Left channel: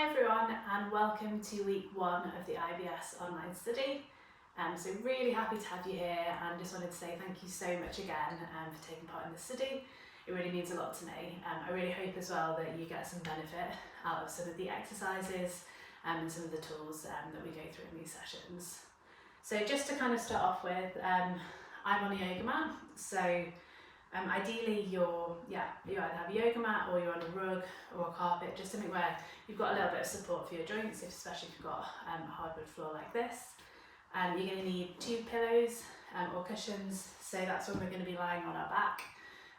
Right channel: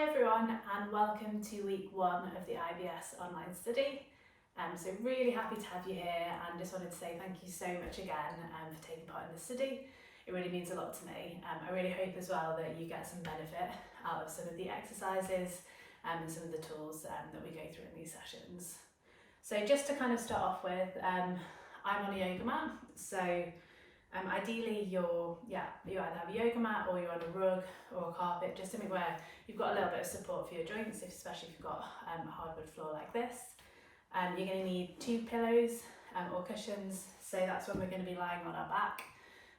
Hi everyone, and welcome to week 1 of the IBS online study. So really happy to have you here, and just wanted to say thank you so much again for taking part in the study. It really means a lot to me. I really hope as well that you get some benefit out of some of the exercises and some of the tools that we go through in these sessions. So just to kind of start off with, I'm on a yoga mat, so ideally you either have a yoga mat or you're on a rug or a carpet, just something where you've got a little bit of support for your joints, especially if you've got a hardwood floor like this. You're going to need 2 pillows or cushions, so that's when we're going to be lying on our back.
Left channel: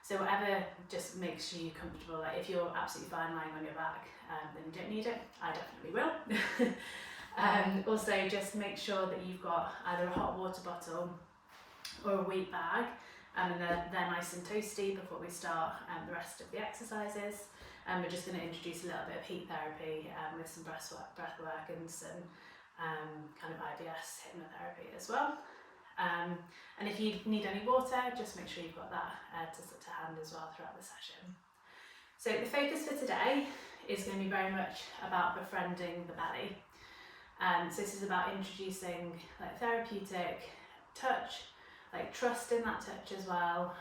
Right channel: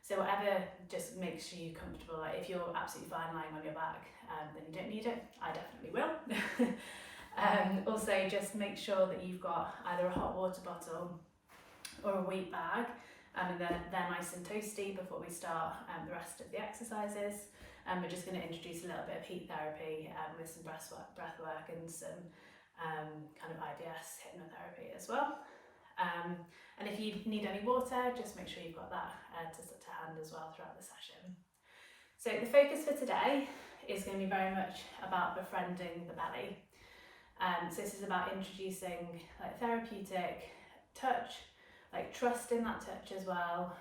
So whatever just makes you comfortable. Like if you're absolutely fine lying on your back, then you don't need it. I definitely will. Also just make sure that you've got either a hot water bottle or a wheat bag, and they're nice and toasty before we start the rest of the exercises. We're just going to introduce a little bit of heat therapy with some breath work and some kind of IBS hypnotherapy as well. And if you need any water, just make sure you've got that to hand as well throughout the session. So the focus for today is going to be very much about befriending the belly. So this is about introducing like therapeutic touch, like trust in that touch as well,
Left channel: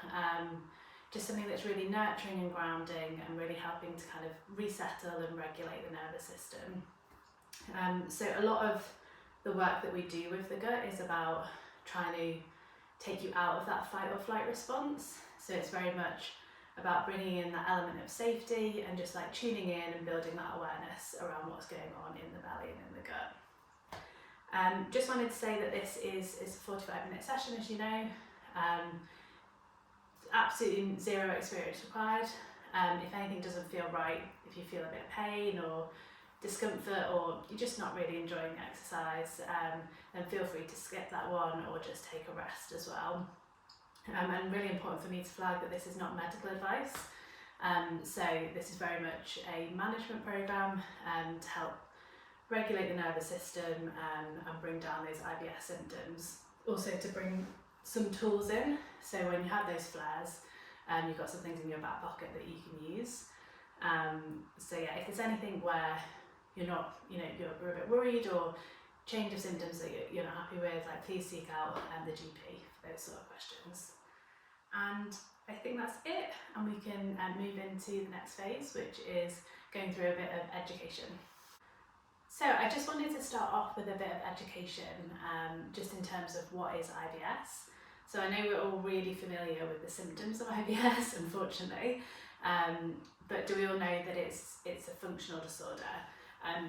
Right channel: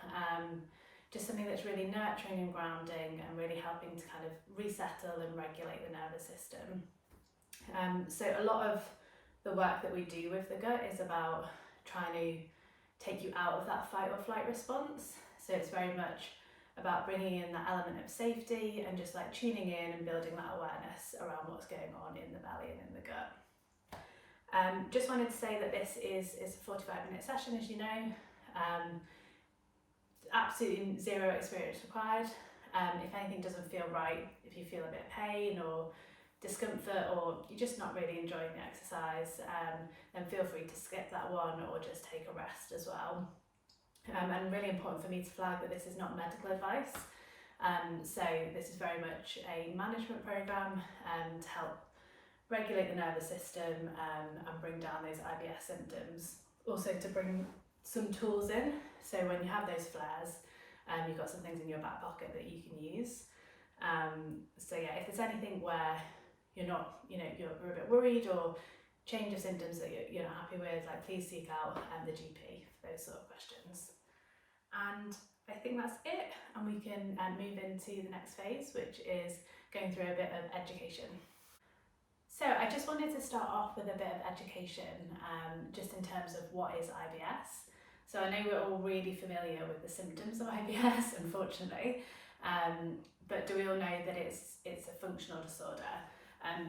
just something that's really nurturing and grounding and really helping to kind of resettle and regulate the nervous system. So a lot of the work that we do with the gut is about trying to take you out of that fight or flight response. So it's very much about bringing in that element of safety and just like tuning in and building that awareness around what's going on in the belly and in the gut. Just wanted to say that this is a 45-minute session, as you know. Absolutely zero experience required. If anything doesn't feel right, if you feel a bit of pain or discomfort, or you're just not really enjoying the exercise, then feel free to skip that one or just take a rest as well. And really important for me to flag that this is not medical advice. So this is very much a management program to help regulate the nervous system and bring down those IBS symptoms. Also to bring some tools in, so when you have those flares, you've got some things in your back pocket that you can use. So yeah, if there's anything where you're not, you're a bit worried or change of symptoms that you're not happy with, like please seek out the GP for those sort of questions. And I think that's it, and we can move into the next phase, which is going through a bit of education. So I just wanted to start off with a bit of education, just in terms of what is IBS. So I know we're all really familiar with the symptoms of IBS, unfortunately, but do we all know that it's a functional disorder?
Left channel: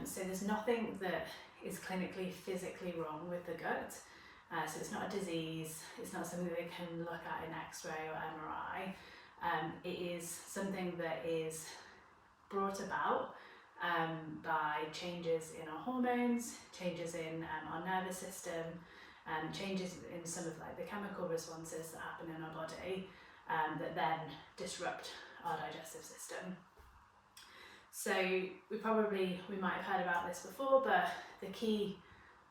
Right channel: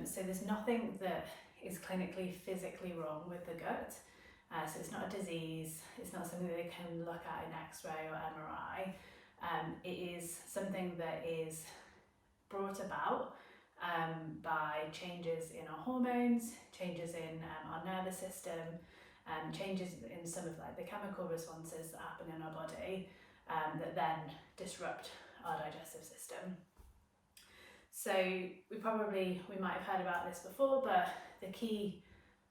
So there's nothing that is clinically, physically wrong with the gut. So it's not a disease, it's not something that they can look at in X-ray or MRI. It is something that is brought about by changes in our hormones, changes in our nervous system, changes in some of like the chemical responses that happen in our body that then disrupt our digestive system. So we might have heard about this before, but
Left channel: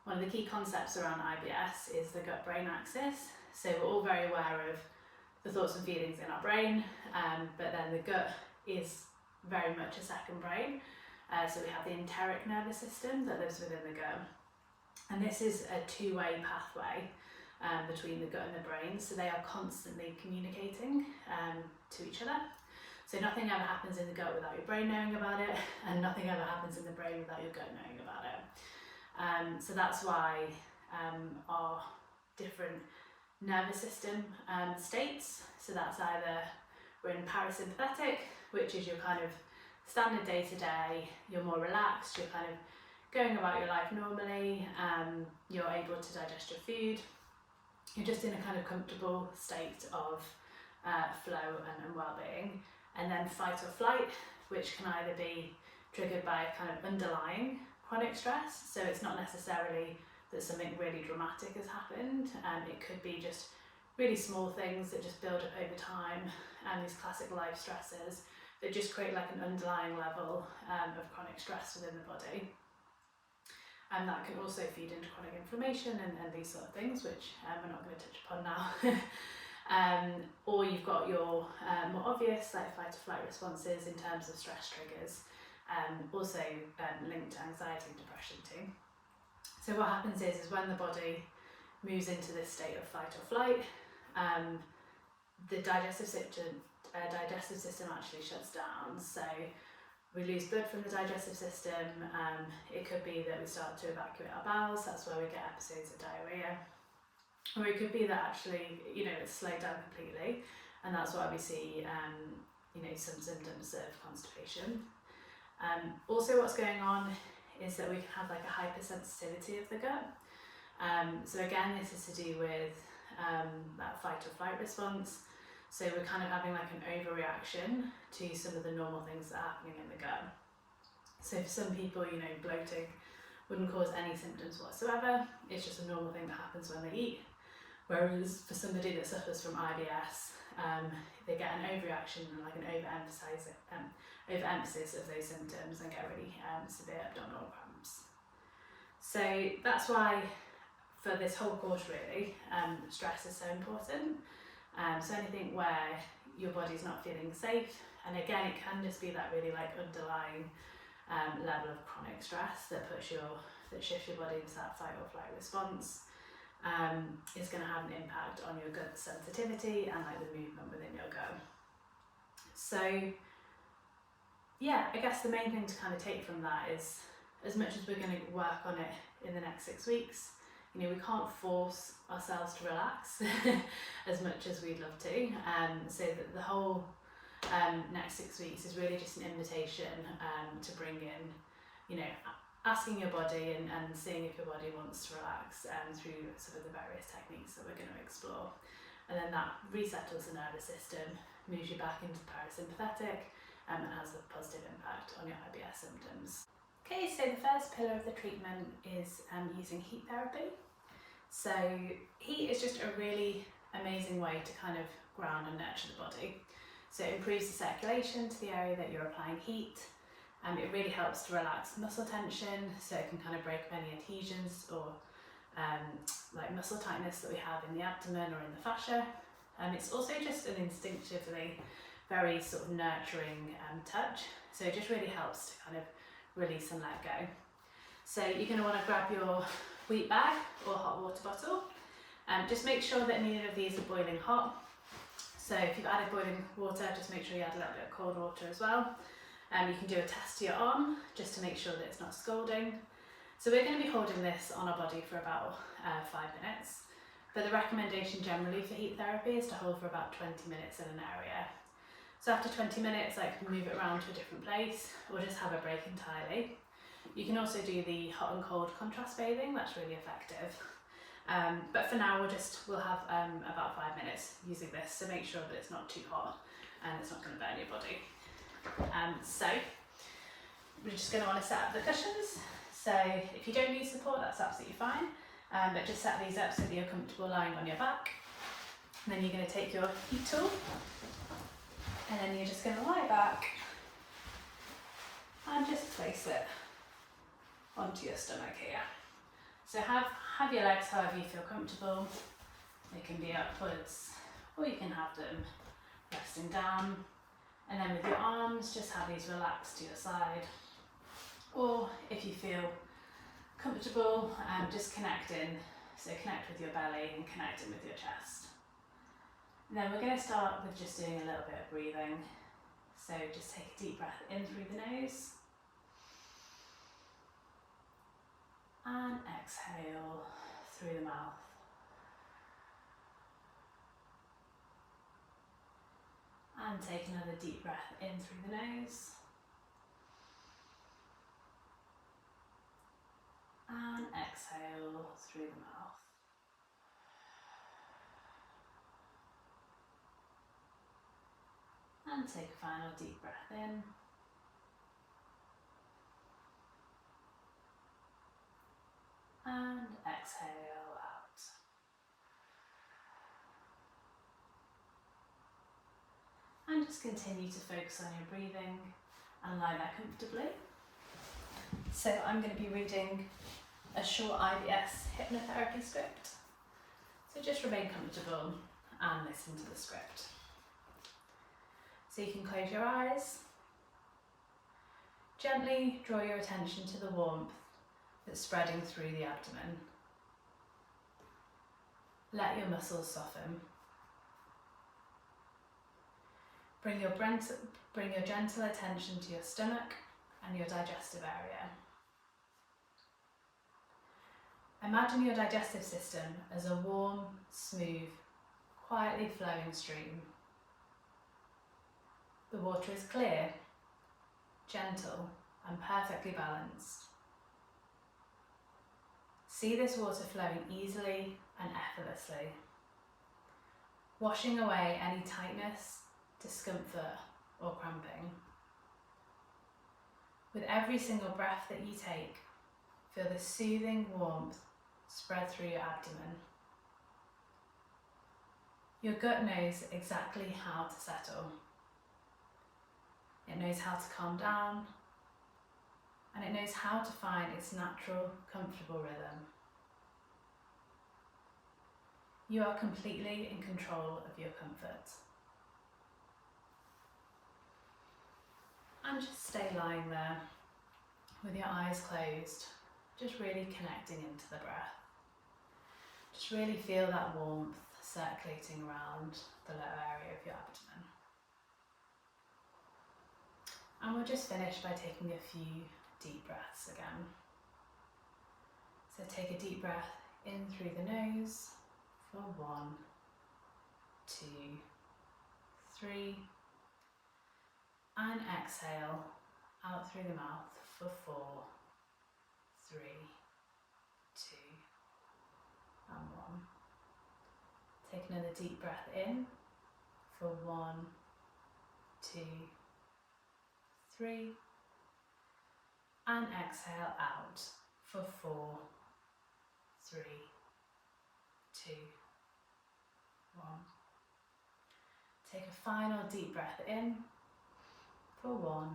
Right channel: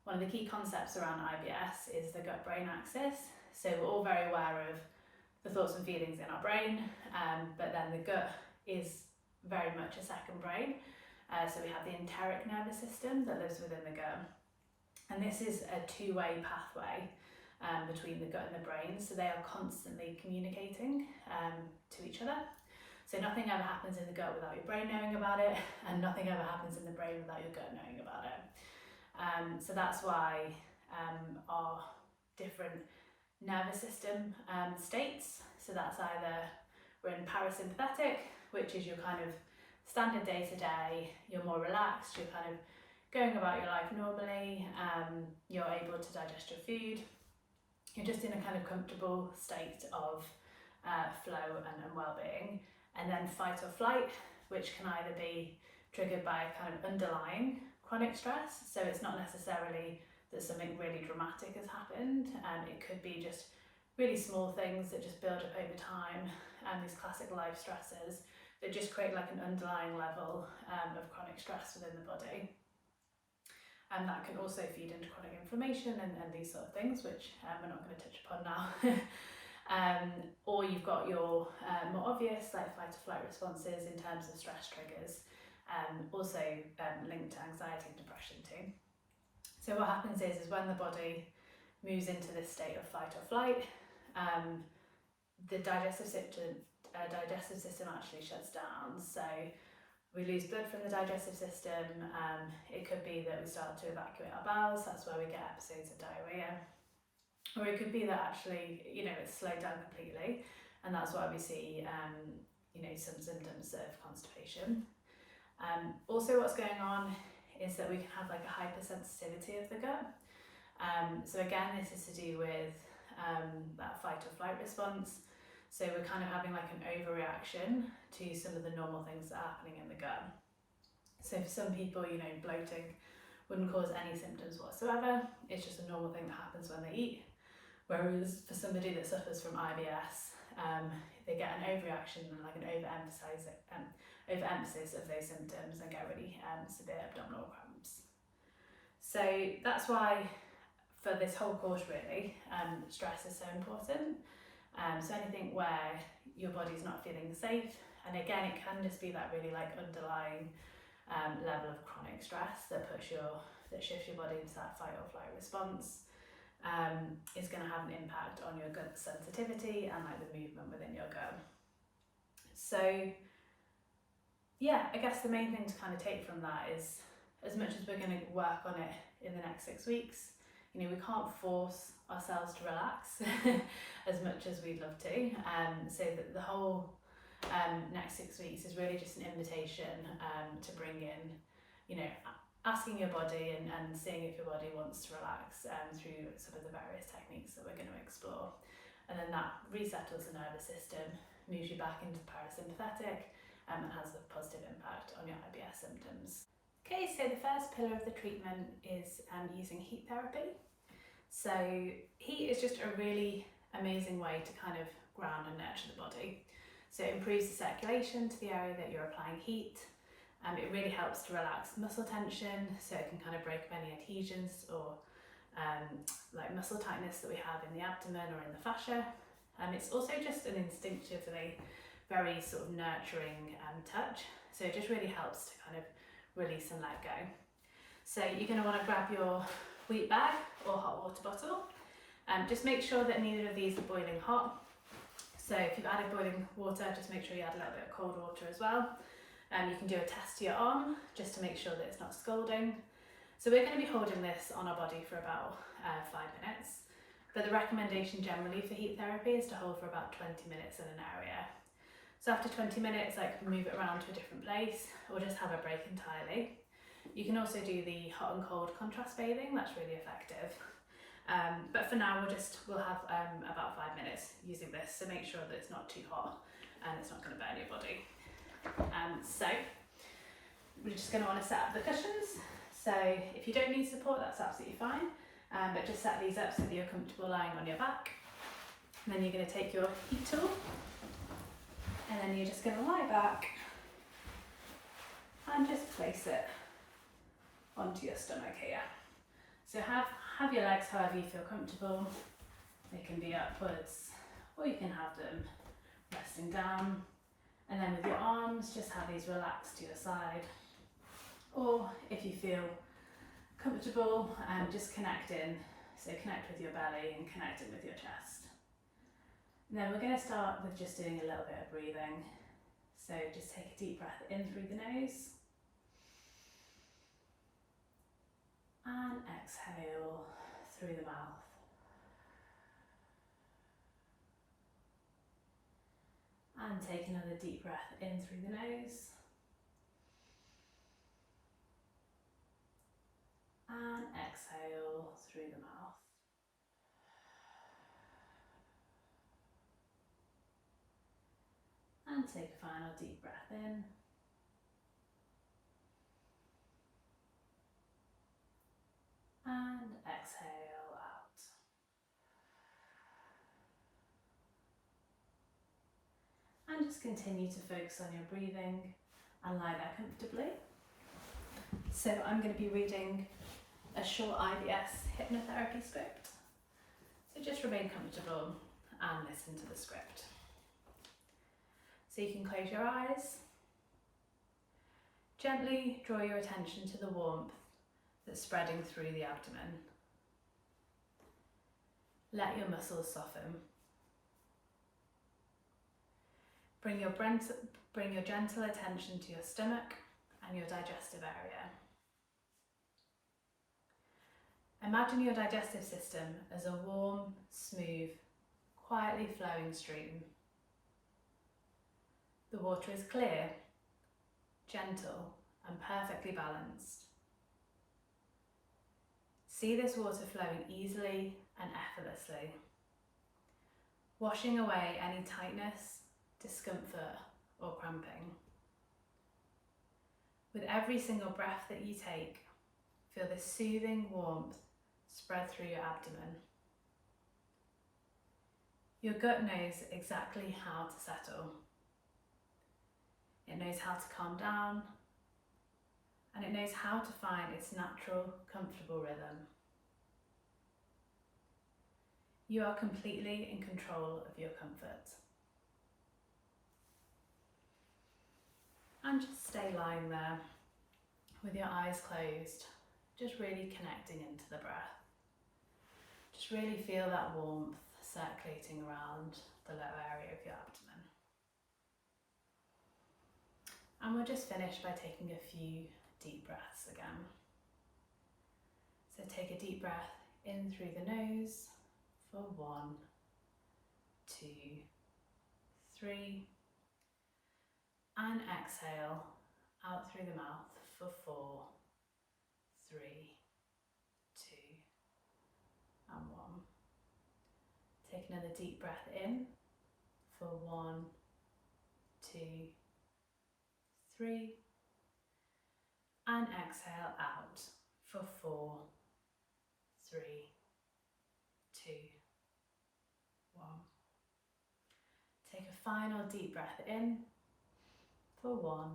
one of the key concepts around IBS is the gut-brain axis. So we're all very aware of the thoughts and feelings in our brain, but then the gut is very much a second brain. So we have the enteric nervous system that lives within the gut, and this is a two-way pathway between the gut and the brain, so they are constantly communicating to each other. So nothing ever happens in the gut without your brain knowing about it, and nothing ever happens in the brain without your gut knowing about it. So that's why our different nervous system states, so that's either we're in parasympathetic, which is your kind of standard day to day, you're more relaxed, you're kind of going about your life normally, you're able to digest your food, you're just in a kind of comfortable state of flow and well-being. And then fight or flight, which can either be triggered by kind of underlying chronic stress, so it's not necessarily that something really dramatic has happened, it could be just really small things that just build up over time, and these classic life stresses that just create like an underlying level of chronic stress within the body. And that can also feed into chronic inflammation and these sort of things, which we're not going to touch upon now. Or you've got your more obvious like fight or flight responses in terms of stress triggers, also linked to anxiety and depression too. So what happens is when the body moves into this state of fight or flight, the digestive system actually shuts down. So we lose blood from the digestive system. It could be that we start to evacuate our bowels. That's where we get episodes of diarrhea. Or it could be that actually, it's slowed down completely, and that's why we see, some symptoms of constipation. Also what's going on is that we can have like a hypersensitivity of the gut. So again, this is to do with that fight or flight response. So we're kind of having like an overreaction to some of the normal things that are happening in the gut. So for some people, bloating wouldn't cause any symptoms whatsoever. It's just a normal thing that happens when they eat. Whereas for somebody that suffers from IBS, they get an overreaction and like an overemphasis of those symptoms and get really severe abdominal cramps. So that's why for this whole course really, stress is so important. So anything where your body's not feeling safe, and again it can just be that really like underlying level of chronic stress that shifts your body into that fight or flight response, is going to have an impact on your gut sensitivity and like the movement within your gut. So yeah, I guess the main thing to kind of take from that is, as much as we're going to work on it in the next 6 weeks, we can't force ourselves to relax as much as we'd love to. So that the whole next 6 weeks is really just an invitation to bring in, asking your body and seeing if your body wants to relax through some of the various techniques that we're going to explore. And then that resettles the nervous system, moves you back into the parasympathetic, and has a positive impact on your IBS symptoms. Okay, so the first pillar of the treatment is using heat therapy. So heat is just a really amazing way to kind of ground and nurture the body. So it improves the circulation to the area that you're applying heat. It really helps to relax muscle tension, so it can kind of break up any adhesions or like muscle tightness that we have in the abdomen or in the fascia. It's also just an instinctively very sort of nurturing touch, so it just really helps to kind of release and let go. So you're going to want to grab your wheat bag or hot water bottle. Just make sure that neither of these are boiling hot. So if you've added boiling water, just make sure you add a little bit of cold water as well. You can do a test to your arm just to make sure that it's not scalding. So we're going to be holding this on our body for about 5 minutes. But the recommendation generally for heat therapy is to hold for about 20 minutes in an area. So after 20 minutes, move it around to a different place or just have a break entirely. You can also do the hot and cold contrast bathing, that's really effective. But for now we'll have about 5 minutes using this, so make sure that it's not too hot and it's not going to burn your body. So we're just going to want to set up the cushions. So if you don't need support, that's absolutely fine, but just set these up so that you're comfortable lying on your back. And then you're going to take your heat tool and then you're just going to lie back and just place it onto your stomach here. So have your legs however you feel comfortable. They can be upwards or you can have them resting down. And then with your arms, just have these relaxed to your side. Or if you feel comfortable, just connect in. So connect with your belly and connect in with your chest. And then we're going to start with just doing a little bit of breathing. So just take a deep breath in through the nose. And exhale through the mouth. And take another deep breath in through the nose. And exhale through the mouth. And take a final deep breath in. And exhale out. And just continue to focus on your breathing and lie there comfortably. So I'm going to be reading a short IBS hypnotherapy script. So just remain comfortable and listen to the script. So you can close your eyes. Gently draw your attention to the warmth that's spreading through the abdomen. Let your muscles soften. Bring your gentle attention to your stomach and your digestive area. Imagine your digestive system as a warm, smooth, quietly flowing stream. The water is clear, gentle, and perfectly balanced. See this water flowing easily and effortlessly, washing away any tightness, discomfort, or cramping. With every single breath that you take, feel the soothing warmth spread through your abdomen. Your gut knows exactly how to settle. It knows how to calm down, and it knows how to find its natural, comfortable rhythm. You are completely in control of your comfort. And just stay lying there with your eyes closed, just really connecting into the breath. Just really feel that warmth circulating around the lower area of your abdomen. And we'll just finish by taking a few deep breaths again. So take a deep breath in through the nose for 1, 2, 3, and exhale out through the mouth for 4, 3, 2, and 1. Take another deep breath in for 1, 2, 3, and exhale out for 4, 3, 2, 1. Take a final deep breath in for 1,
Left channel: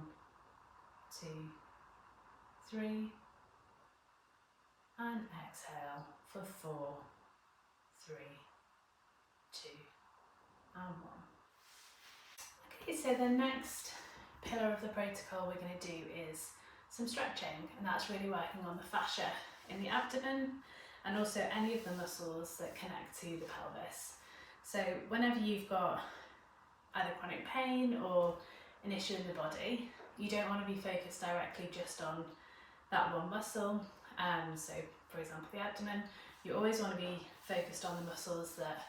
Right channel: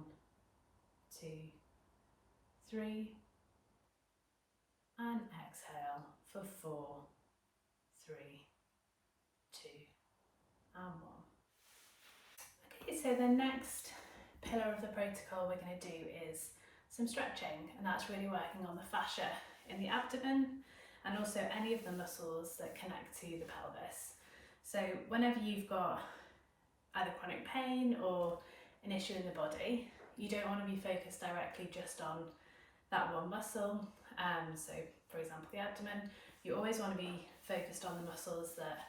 2, 3, and exhale for 4, 3, 2, and 1. Okay, so the next pillar of the protocol we're going to do is some stretching, and that's really working on the fascia in the abdomen and also any of the muscles that connect to the pelvis. So whenever you've got either chronic pain or an issue in the body, you don't want to be focused directly just on that one muscle. So for example, the abdomen, you always want to be focused on the muscles that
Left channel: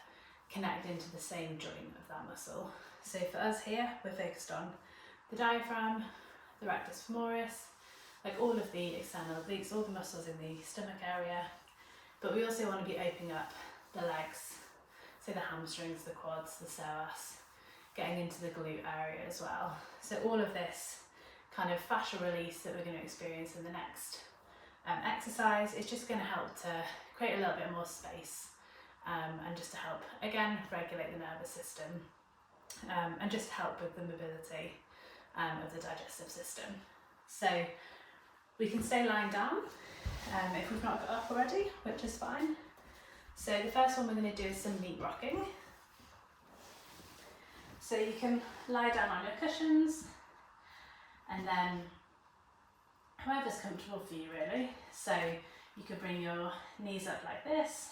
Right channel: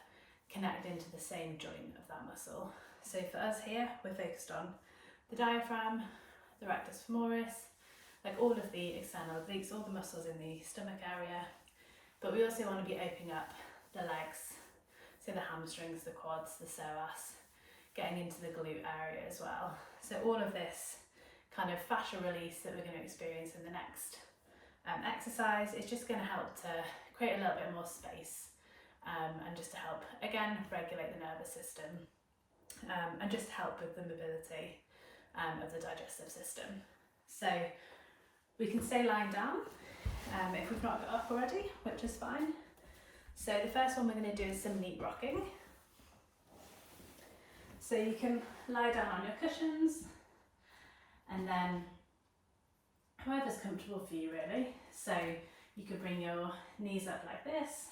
connect into the same joint of that muscle. So for us here, we're focused on the diaphragm, the rectus femoris, like all of the external obliques, all the muscles in the stomach area. But we also want to be opening up the legs, so the hamstrings, the quads, the psoas, getting into the glute area as well. So all of this kind of fascia release that we're going to experience in the next exercise is just going to help to create a little bit more space and just to help, again, regulate the nervous system and just help with the mobility of the digestive system. So we can stay lying down if we've not got up already, which is fine. So the first one we're going to do is some meat rocking. So you can lie down on your cushions, and then whoever's comfortable for you really. So you could bring your knees up like this.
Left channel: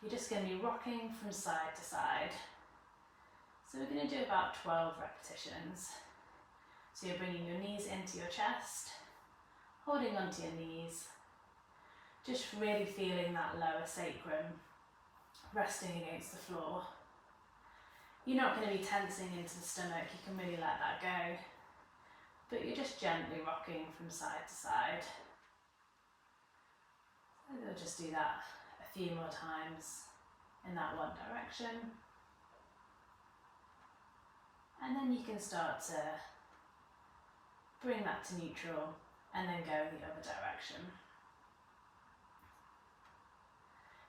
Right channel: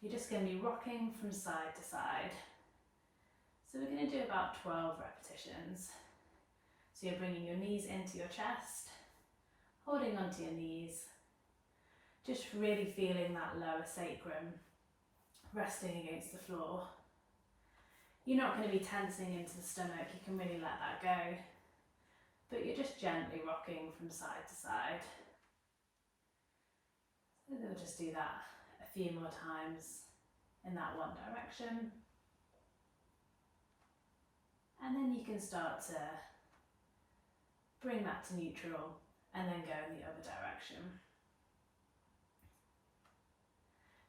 You're just going to be rocking from side to side. So we're going to do about 12 repetitions. So you're bringing your knees into your chest, holding onto your knees, just really feeling that lower sacrum resting against the floor. You're not going to be tensing into the stomach, you can really let that go. But you're just gently rocking from side to side. So we'll just do that a few more times in that one direction. And then you can start to bring that to neutral and then go in the other direction.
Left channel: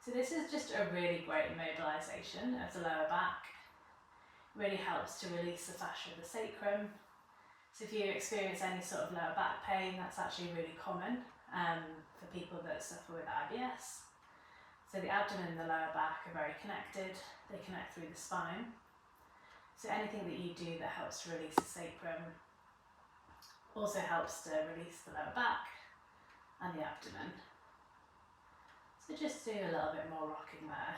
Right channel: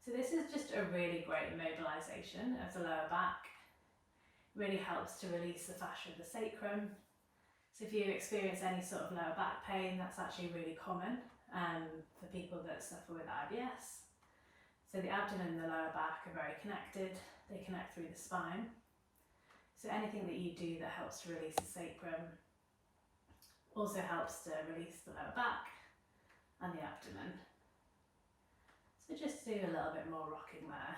So this is just a really great mobilisation of the lower back. Really helps to release the fascia of the sacrum. So if you experience any sort of lower back pain, that's actually really common for people that suffer with IBS. So the abdomen and the lower back are very connected. They connect through the spine. So anything that you do that helps to release the sacrum Also helps to release the lower back and the abdomen. So just do a little bit more rocking there.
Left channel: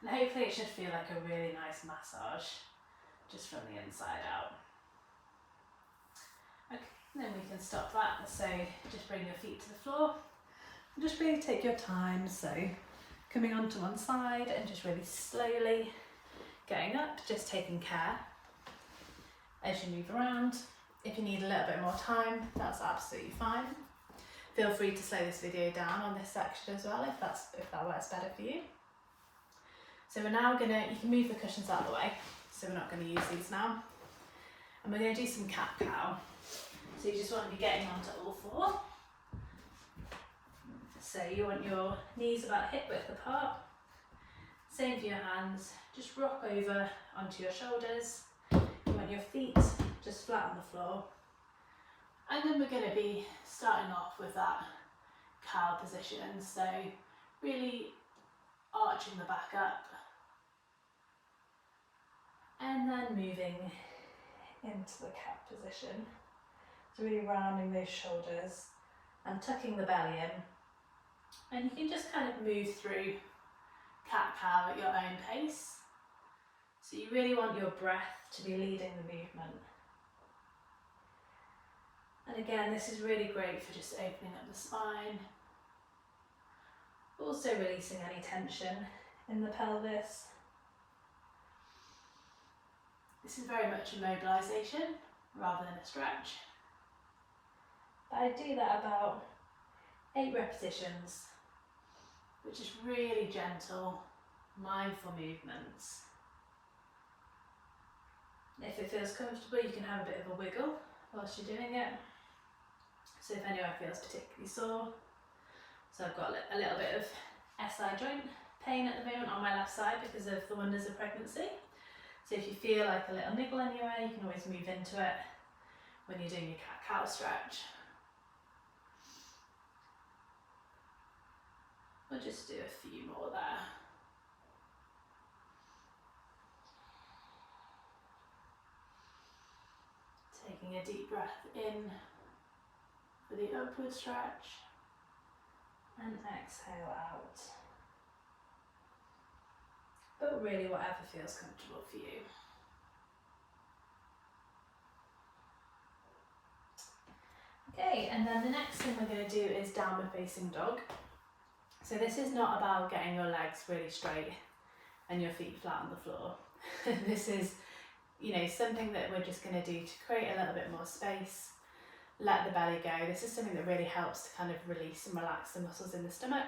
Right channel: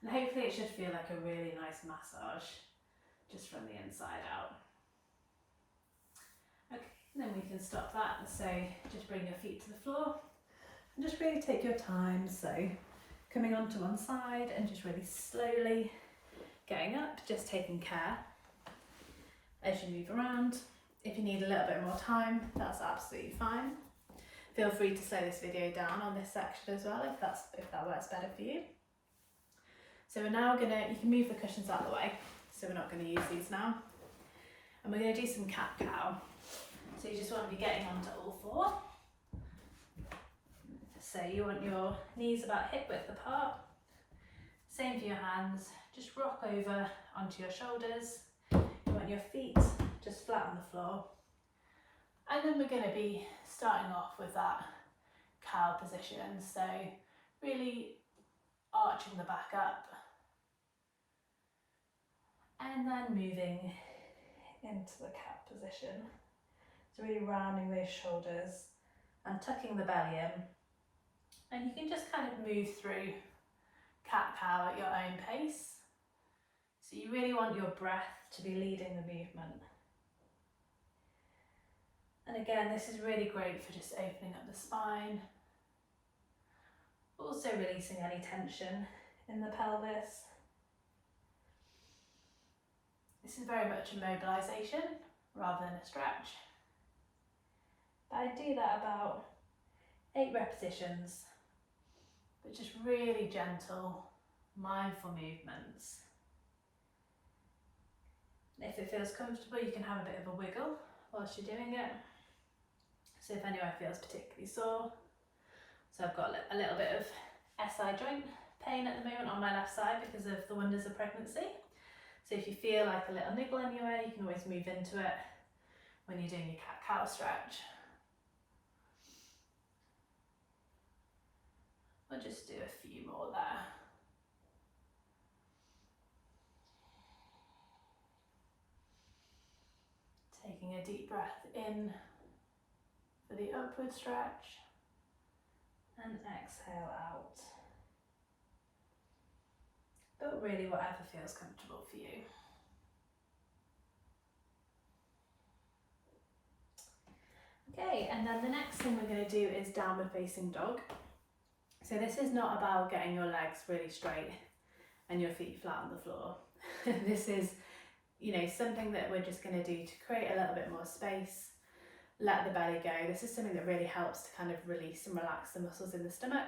And hopefully it should feel like a really nice massage just from the inside out. Okay, then we can stop that. So just bring your feet to the floor and just really take your time. So coming onto one side and just really slowly getting up, just taking care as you move around. If you need a little bit more time, that's absolutely fine. Feel free to slow this video down on this section as well if that works better for you. So we're now you can move the cushions out of the way, so we're not going to use these now. And we're going to do some cat-cow. So you just want to be getting onto all four. So you want your knees about hip width apart. Same for your hands, just rock over onto your shoulders. You want your feet just flat on the floor. And then we're going to be starting off with that cow position. So really arching the back up. And then moving into the cat position. So really rounding those shoulders and tucking the belly in. And you can just kind of move through cat-cow at your own pace. So you really want your breath to be leading the movement. And again, this is really great for just opening up the spine. Also releasing any tension in the pelvis. This is very much a mobilisation rather than a stretch. But I do that about 8 repetitions, which is really gentle, mindful movements. If it feels comfortable, you can have a bit of a wiggle whilst you're doing it. So if anywhere feels particularly sore, so I've got a little bit of SI joint pain at the moment on my left side because of the wonders of pregnancy. So if you feel like a little niggle anywhere, you can always move into it when you're doing your cat-cow stretch. We'll just do a few more there. Taking a deep breath in for the upward stretch and exhale out. But really whatever feels comfortable for you. Okay, and then the next thing we're going to do is downward facing dog. So this is not about getting your legs really straight and your feet flat on the floor. This is, something that we're just going to do to create a little bit more space, let the belly go. This is something that really helps to kind of release and relax the muscles in the stomach,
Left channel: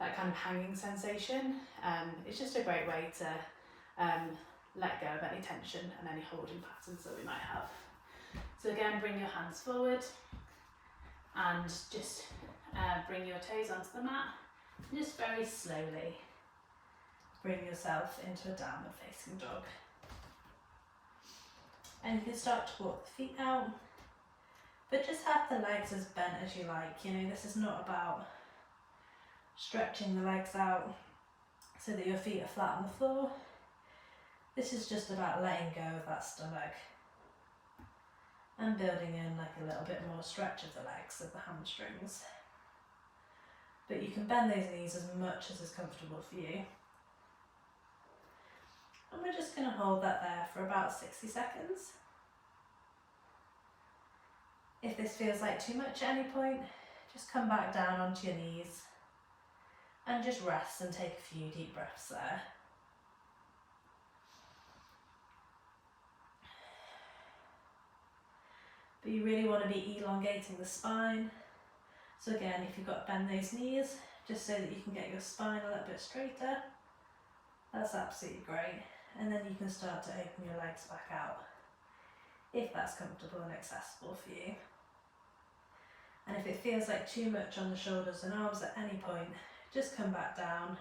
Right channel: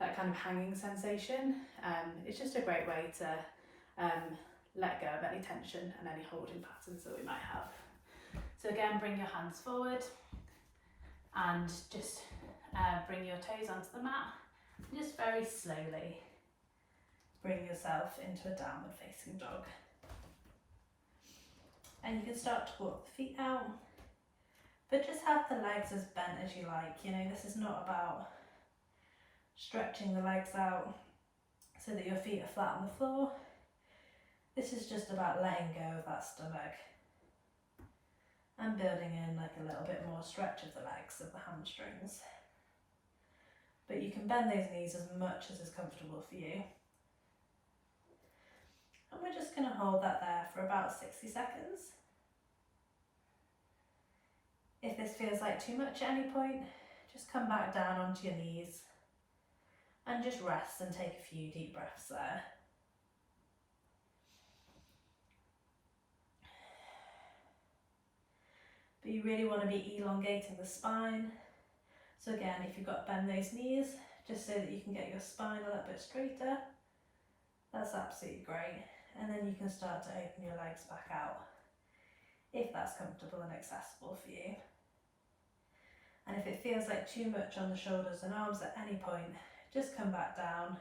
that kind of hanging sensation. It's just a great way to let go of any tension and any holding patterns that we might have. So again, bring your hands forward and just bring your toes onto the mat. And just very slowly bring yourself into a downward facing dog. And you can start to walk the feet out, but just have the legs as bent as you like. This is not about stretching the legs out so that your feet are flat on the floor. This is just about letting go of that stomach and building in like a little bit more stretch of the legs, of the hamstrings. But you can bend those knees as much as is comfortable for you. And we're just going to hold that there for about 60 seconds. If this feels like too much at any point, just come back down onto your knees and just rest and take a few deep breaths there. But you really want to be elongating the spine. So again, if you've got to bend those knees, just so that you can get your spine a little bit straighter, that's absolutely great. And then you can start to open your legs back out, if that's comfortable and accessible for you. And if it feels like too much on the shoulders and arms at any point, just come back down,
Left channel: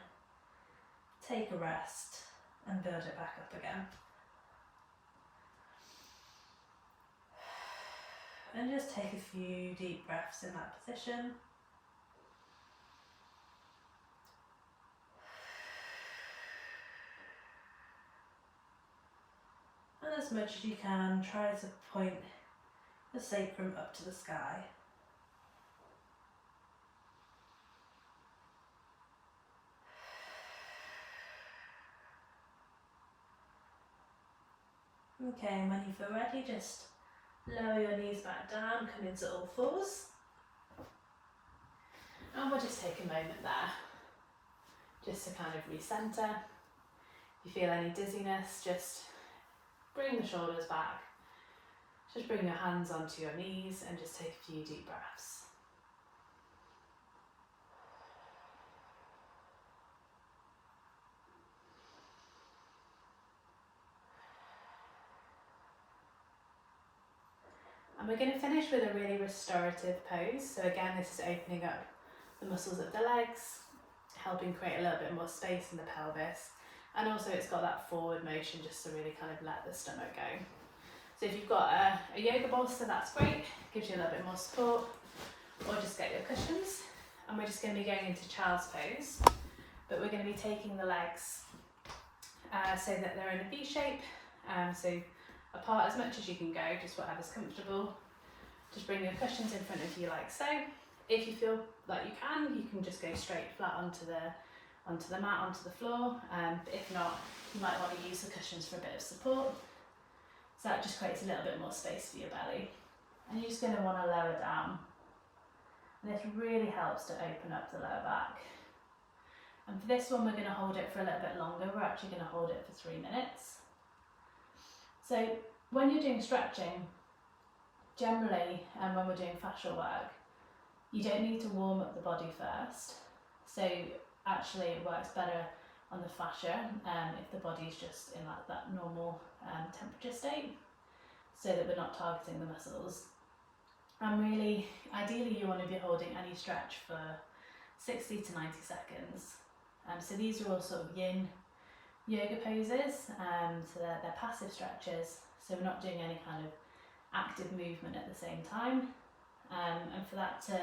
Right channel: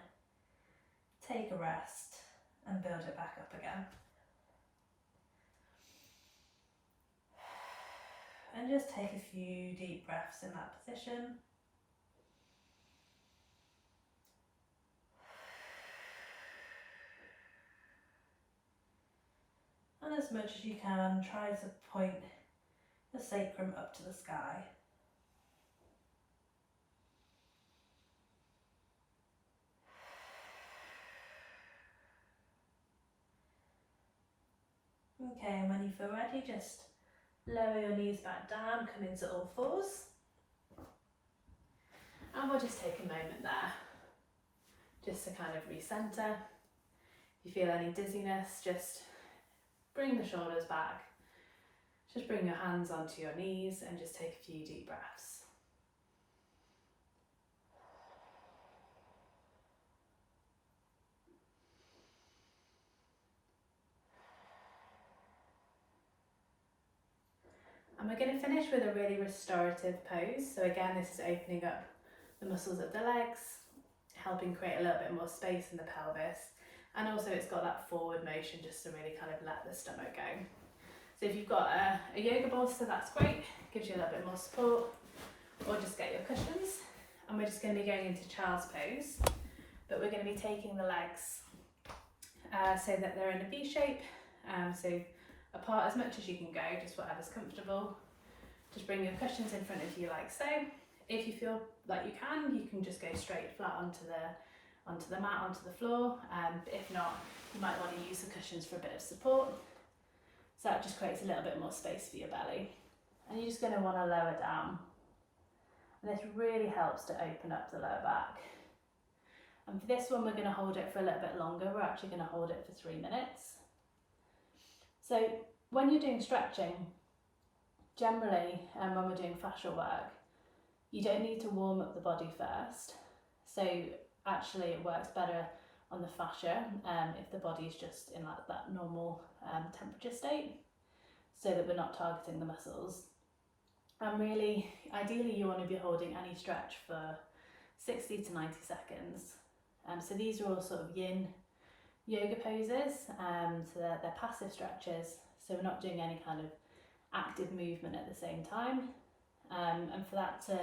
take a rest, and build it back up again. And just take a few deep breaths in that position. And as much as you can, try to point the sacrum up to the sky. Okay, and when you feel ready, just lower your knees back down, come into all fours. And we'll just take a moment there, just to kind of recenter. If you feel any dizziness, just bring the shoulders back. Just bring your hands onto your knees and just take a few deep breaths. And we're going to finish with a really restorative pose. So again, this is opening up the muscles of the legs, helping create a little bit more space in the pelvis. And also it's got that forward motion just to really kind of let the stomach go. So if you've got a yoga bolster, that's great, gives you a little bit more support, or just get your cushions. And we're just going to be going into child's pose, but we're going to be taking the legs so that they're in a V shape, so apart as much as you can go, just whatever's comfortable. Just bring your cushions in front of you like so. If you feel like you can just go straight flat onto the mat, onto the floor. But if not, you might want to use the cushions for a bit of support. So that just creates a little bit more space for your belly. And you're just going to want to lower down. And this really helps to open up the lower back. And for this one, we're going to hold it for a little bit longer. We're actually going to hold it for 3 minutes. So when you're doing stretching, generally, when we're doing fascial work, you don't need to warm up the body first. So actually it works better on the fascia if the body's just in like that normal temperature state, so that we're not targeting the muscles. And really, ideally you want to be holding any stretch for 60 to 90 seconds. So these are all sort of yin yoga poses, so they're passive stretches, so we're not doing any kind of active movement at the same time. And for that to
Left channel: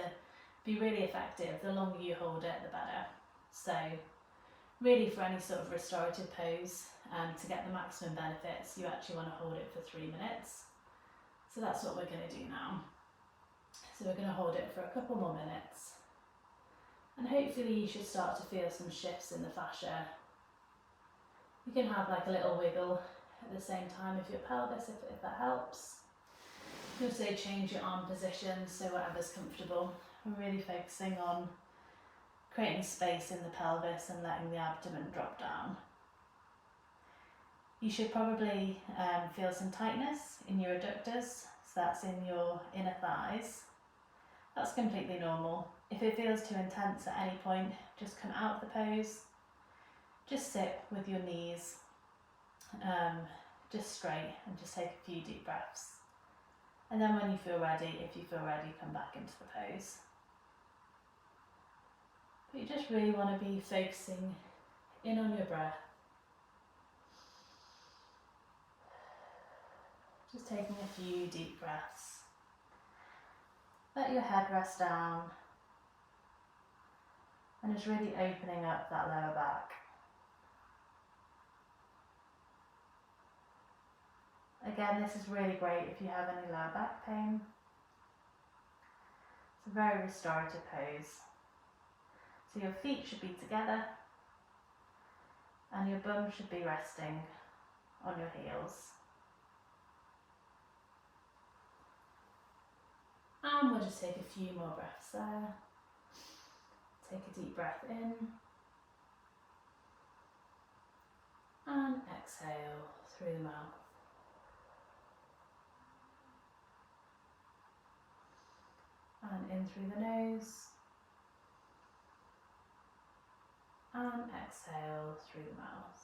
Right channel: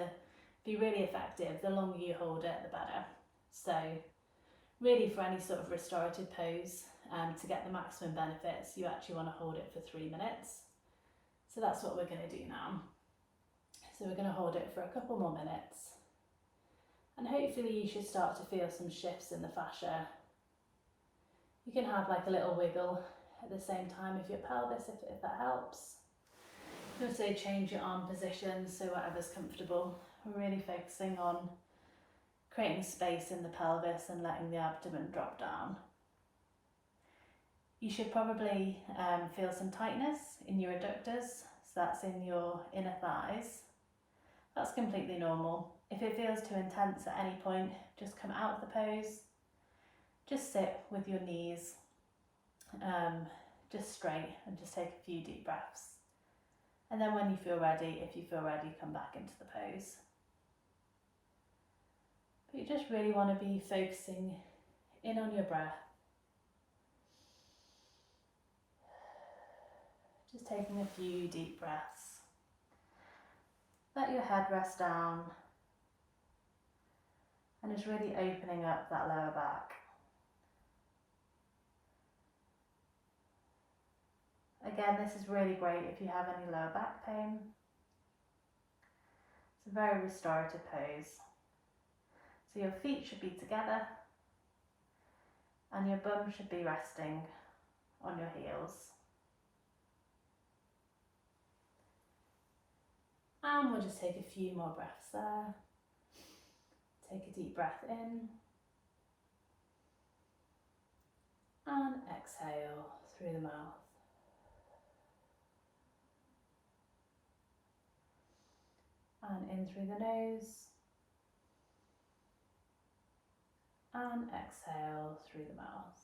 be really effective, the longer you hold it, the better. So really for any sort of restorative pose, to get the maximum benefits, you actually want to hold it for 3 minutes. So that's what we're going to do now. So we're going to hold it for a couple more minutes. And hopefully you should start to feel some shifts in the fascia. You can have like a little wiggle at the same time of your pelvis if that helps. Also change your arm position, so whatever's comfortable. We're really focusing on creating space in the pelvis and letting the abdomen drop down. You should probably feel some tightness in your adductors, so that's in your inner thighs. That's completely normal. If it feels too intense at any point, just come out of the pose. Just sit with your knees just straight and just take a few deep breaths. And then when you feel ready, if you feel ready, come back into the pose. But you just really want to be focusing in on your breath. Just taking a few deep breaths. Let your head rest down. And just really opening up that lower back. Again, this is really great if you have any lower back pain. It's a very restorative pose. So your feet should be together and your bum should be resting on your heels. And we'll just take a few more breaths there. Take a deep breath in and exhale through the mouth. And in through the nose and exhale through the mouth.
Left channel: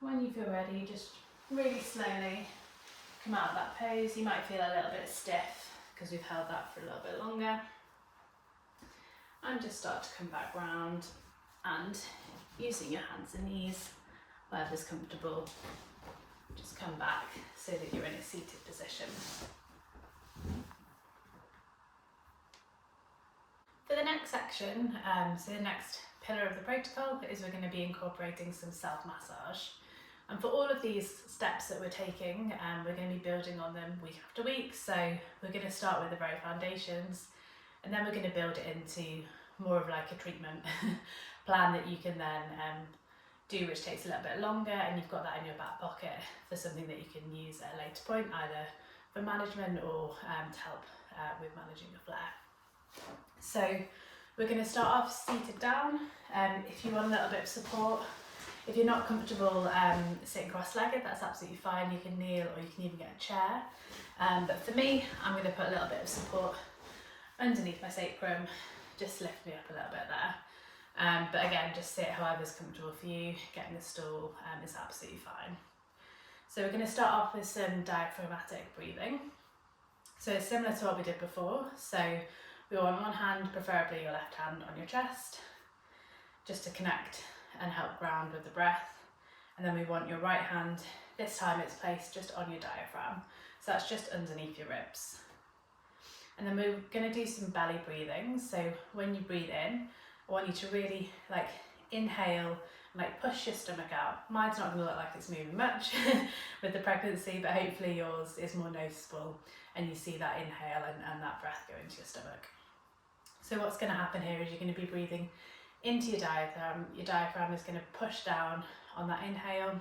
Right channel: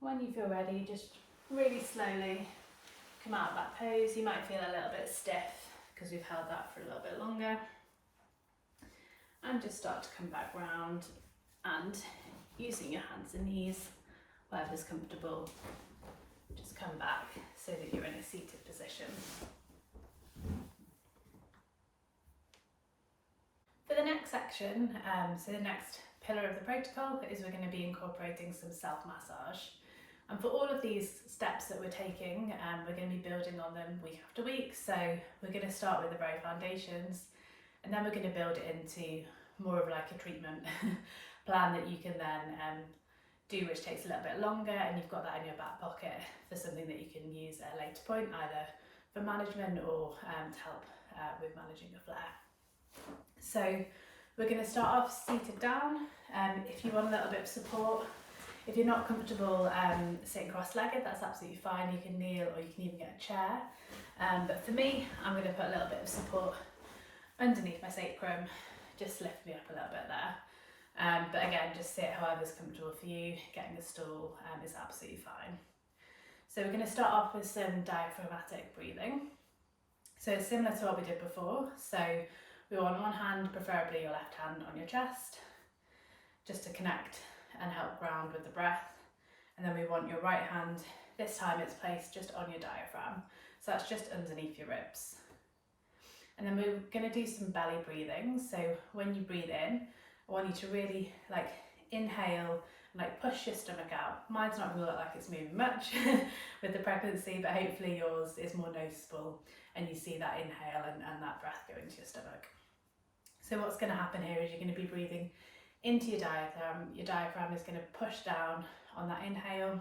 When you feel ready, just really slowly come out of that pose. You might feel a little bit stiff because we've held that for a little bit longer. And just start to come back round and using your hands and knees, wherever's comfortable, just come back so that you're in a seated position. For the next section, so the next pillar of the protocol is we're going to be incorporating some self-massage. And for all of these steps that we're taking, we're going to be building on them week after week. So we're going to start with the very foundations, and then we're going to build it into more of like a treatment plan that you can then do, which takes a little bit longer, and you've got that in your back pocket for something that you can use at a later point, either for management or to help with managing the flare. So we're going to start off seated down. If you want a little bit of support, if you're not comfortable sitting cross-legged, that's absolutely fine. You can kneel, or you can even get a chair. But for me, I'm going to put a little bit of support underneath my sacrum, just to lift me up a little bit there. But again, just sit however's comfortable for you. Getting the stool is absolutely fine. So we're going to start off with some diaphragmatic breathing. So similar to what we did before. So we want one hand, preferably your left hand, on your chest, just to connect and help ground with the breath. And then we want your right hand, this time it's placed just on your diaphragm. So that's just underneath your ribs. And then we're going to do some belly breathing. So when you breathe in, I want you to really like inhale and like push your stomach out. Mine's not going to look like it's moving much with the pregnancy, but hopefully yours is more noticeable and you see that inhale and that breath go into your stomach. So what's going to happen here is you're going to be breathing into your diaphragm. Your diaphragm is going to push down on that inhale.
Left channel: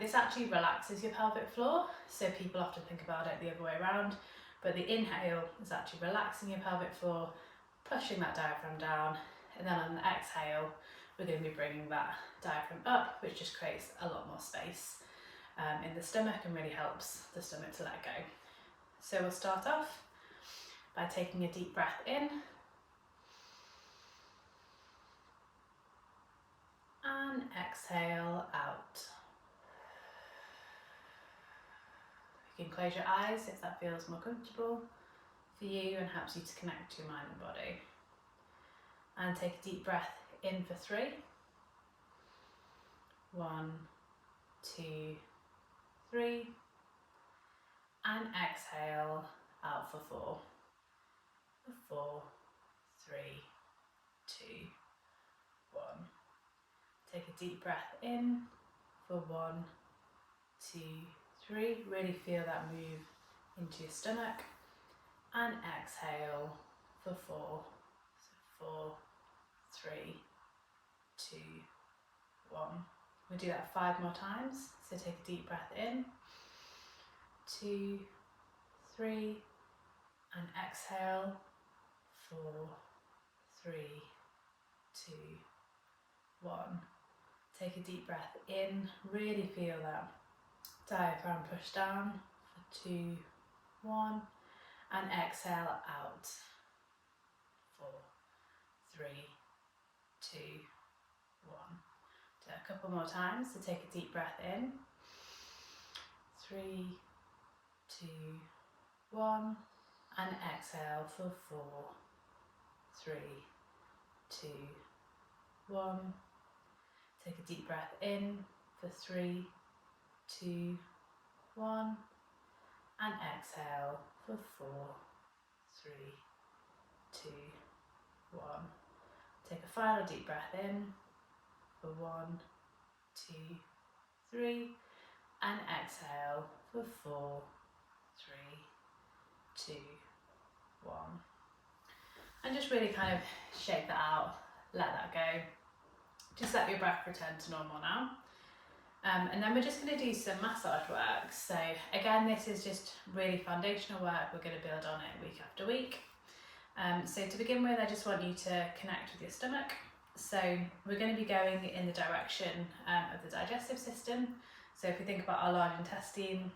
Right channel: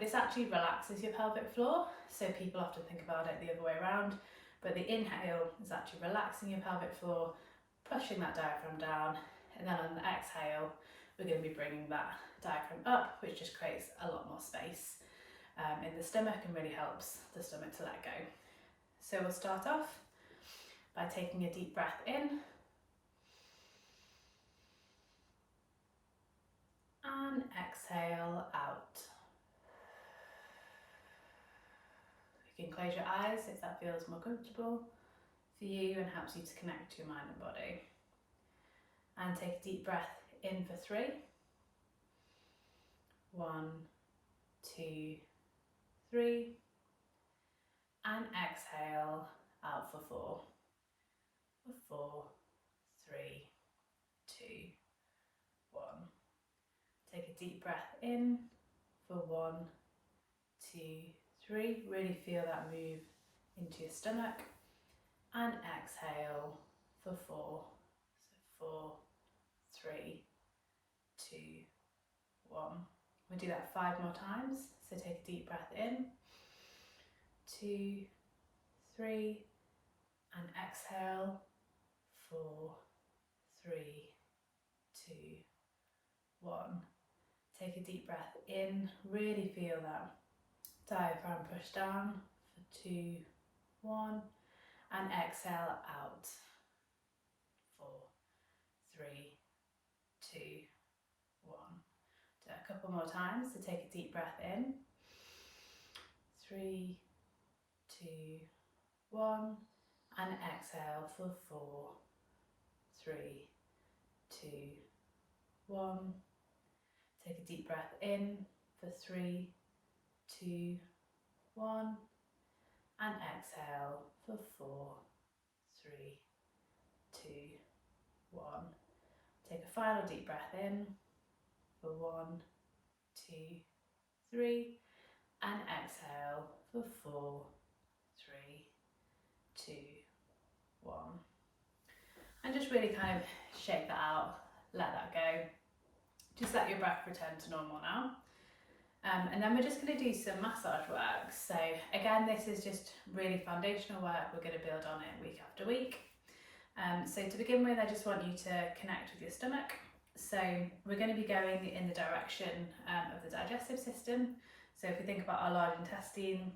This actually relaxes your pelvic floor, so people often think about it the other way around, but the inhale is actually relaxing your pelvic floor, pushing that diaphragm down, and then on the exhale we're going to be bringing that diaphragm up, which just creates a lot more space in the stomach and really helps the stomach to let go. So we'll start off by taking a deep breath in and exhale out. You can close your eyes if that feels more comfortable for you and helps you to connect to your mind and body. And take a deep breath in for 3. 1, 2, 3. And exhale out for 4. 4, 3, 2, 1. Take a deep breath in for 1, 2, 3. Really feel that move into your stomach. And exhale for 4. So 4, 3, 2, 1. We'll do that 5 more times. So take a deep breath in, 2, 3, and exhale, 4, 3, 2, 1. Take a deep breath in, really feel that diaphragm push down for 2, 1, and exhale out, 4, 3, 2, 1. Do it a couple more times. So take a deep breath in, 3, 2, 1, and exhale for 4, 3, 2, 1. Take a deep breath in for 3, 2, 1, and exhale for 4, 3, 2, 1. Take a final deep breath in for 1, 2, 3, and exhale for 4, 3, 2, 1. And just really kind of shake that out, let that go. Just let your breath return to normal now. And then we're just going to do some massage work. So again, this is just really foundational work. We're going to build on it week after week. So to begin with, I just want you to connect with your stomach. So we're going to be going in the direction of the digestive system. So if we think about our large intestine,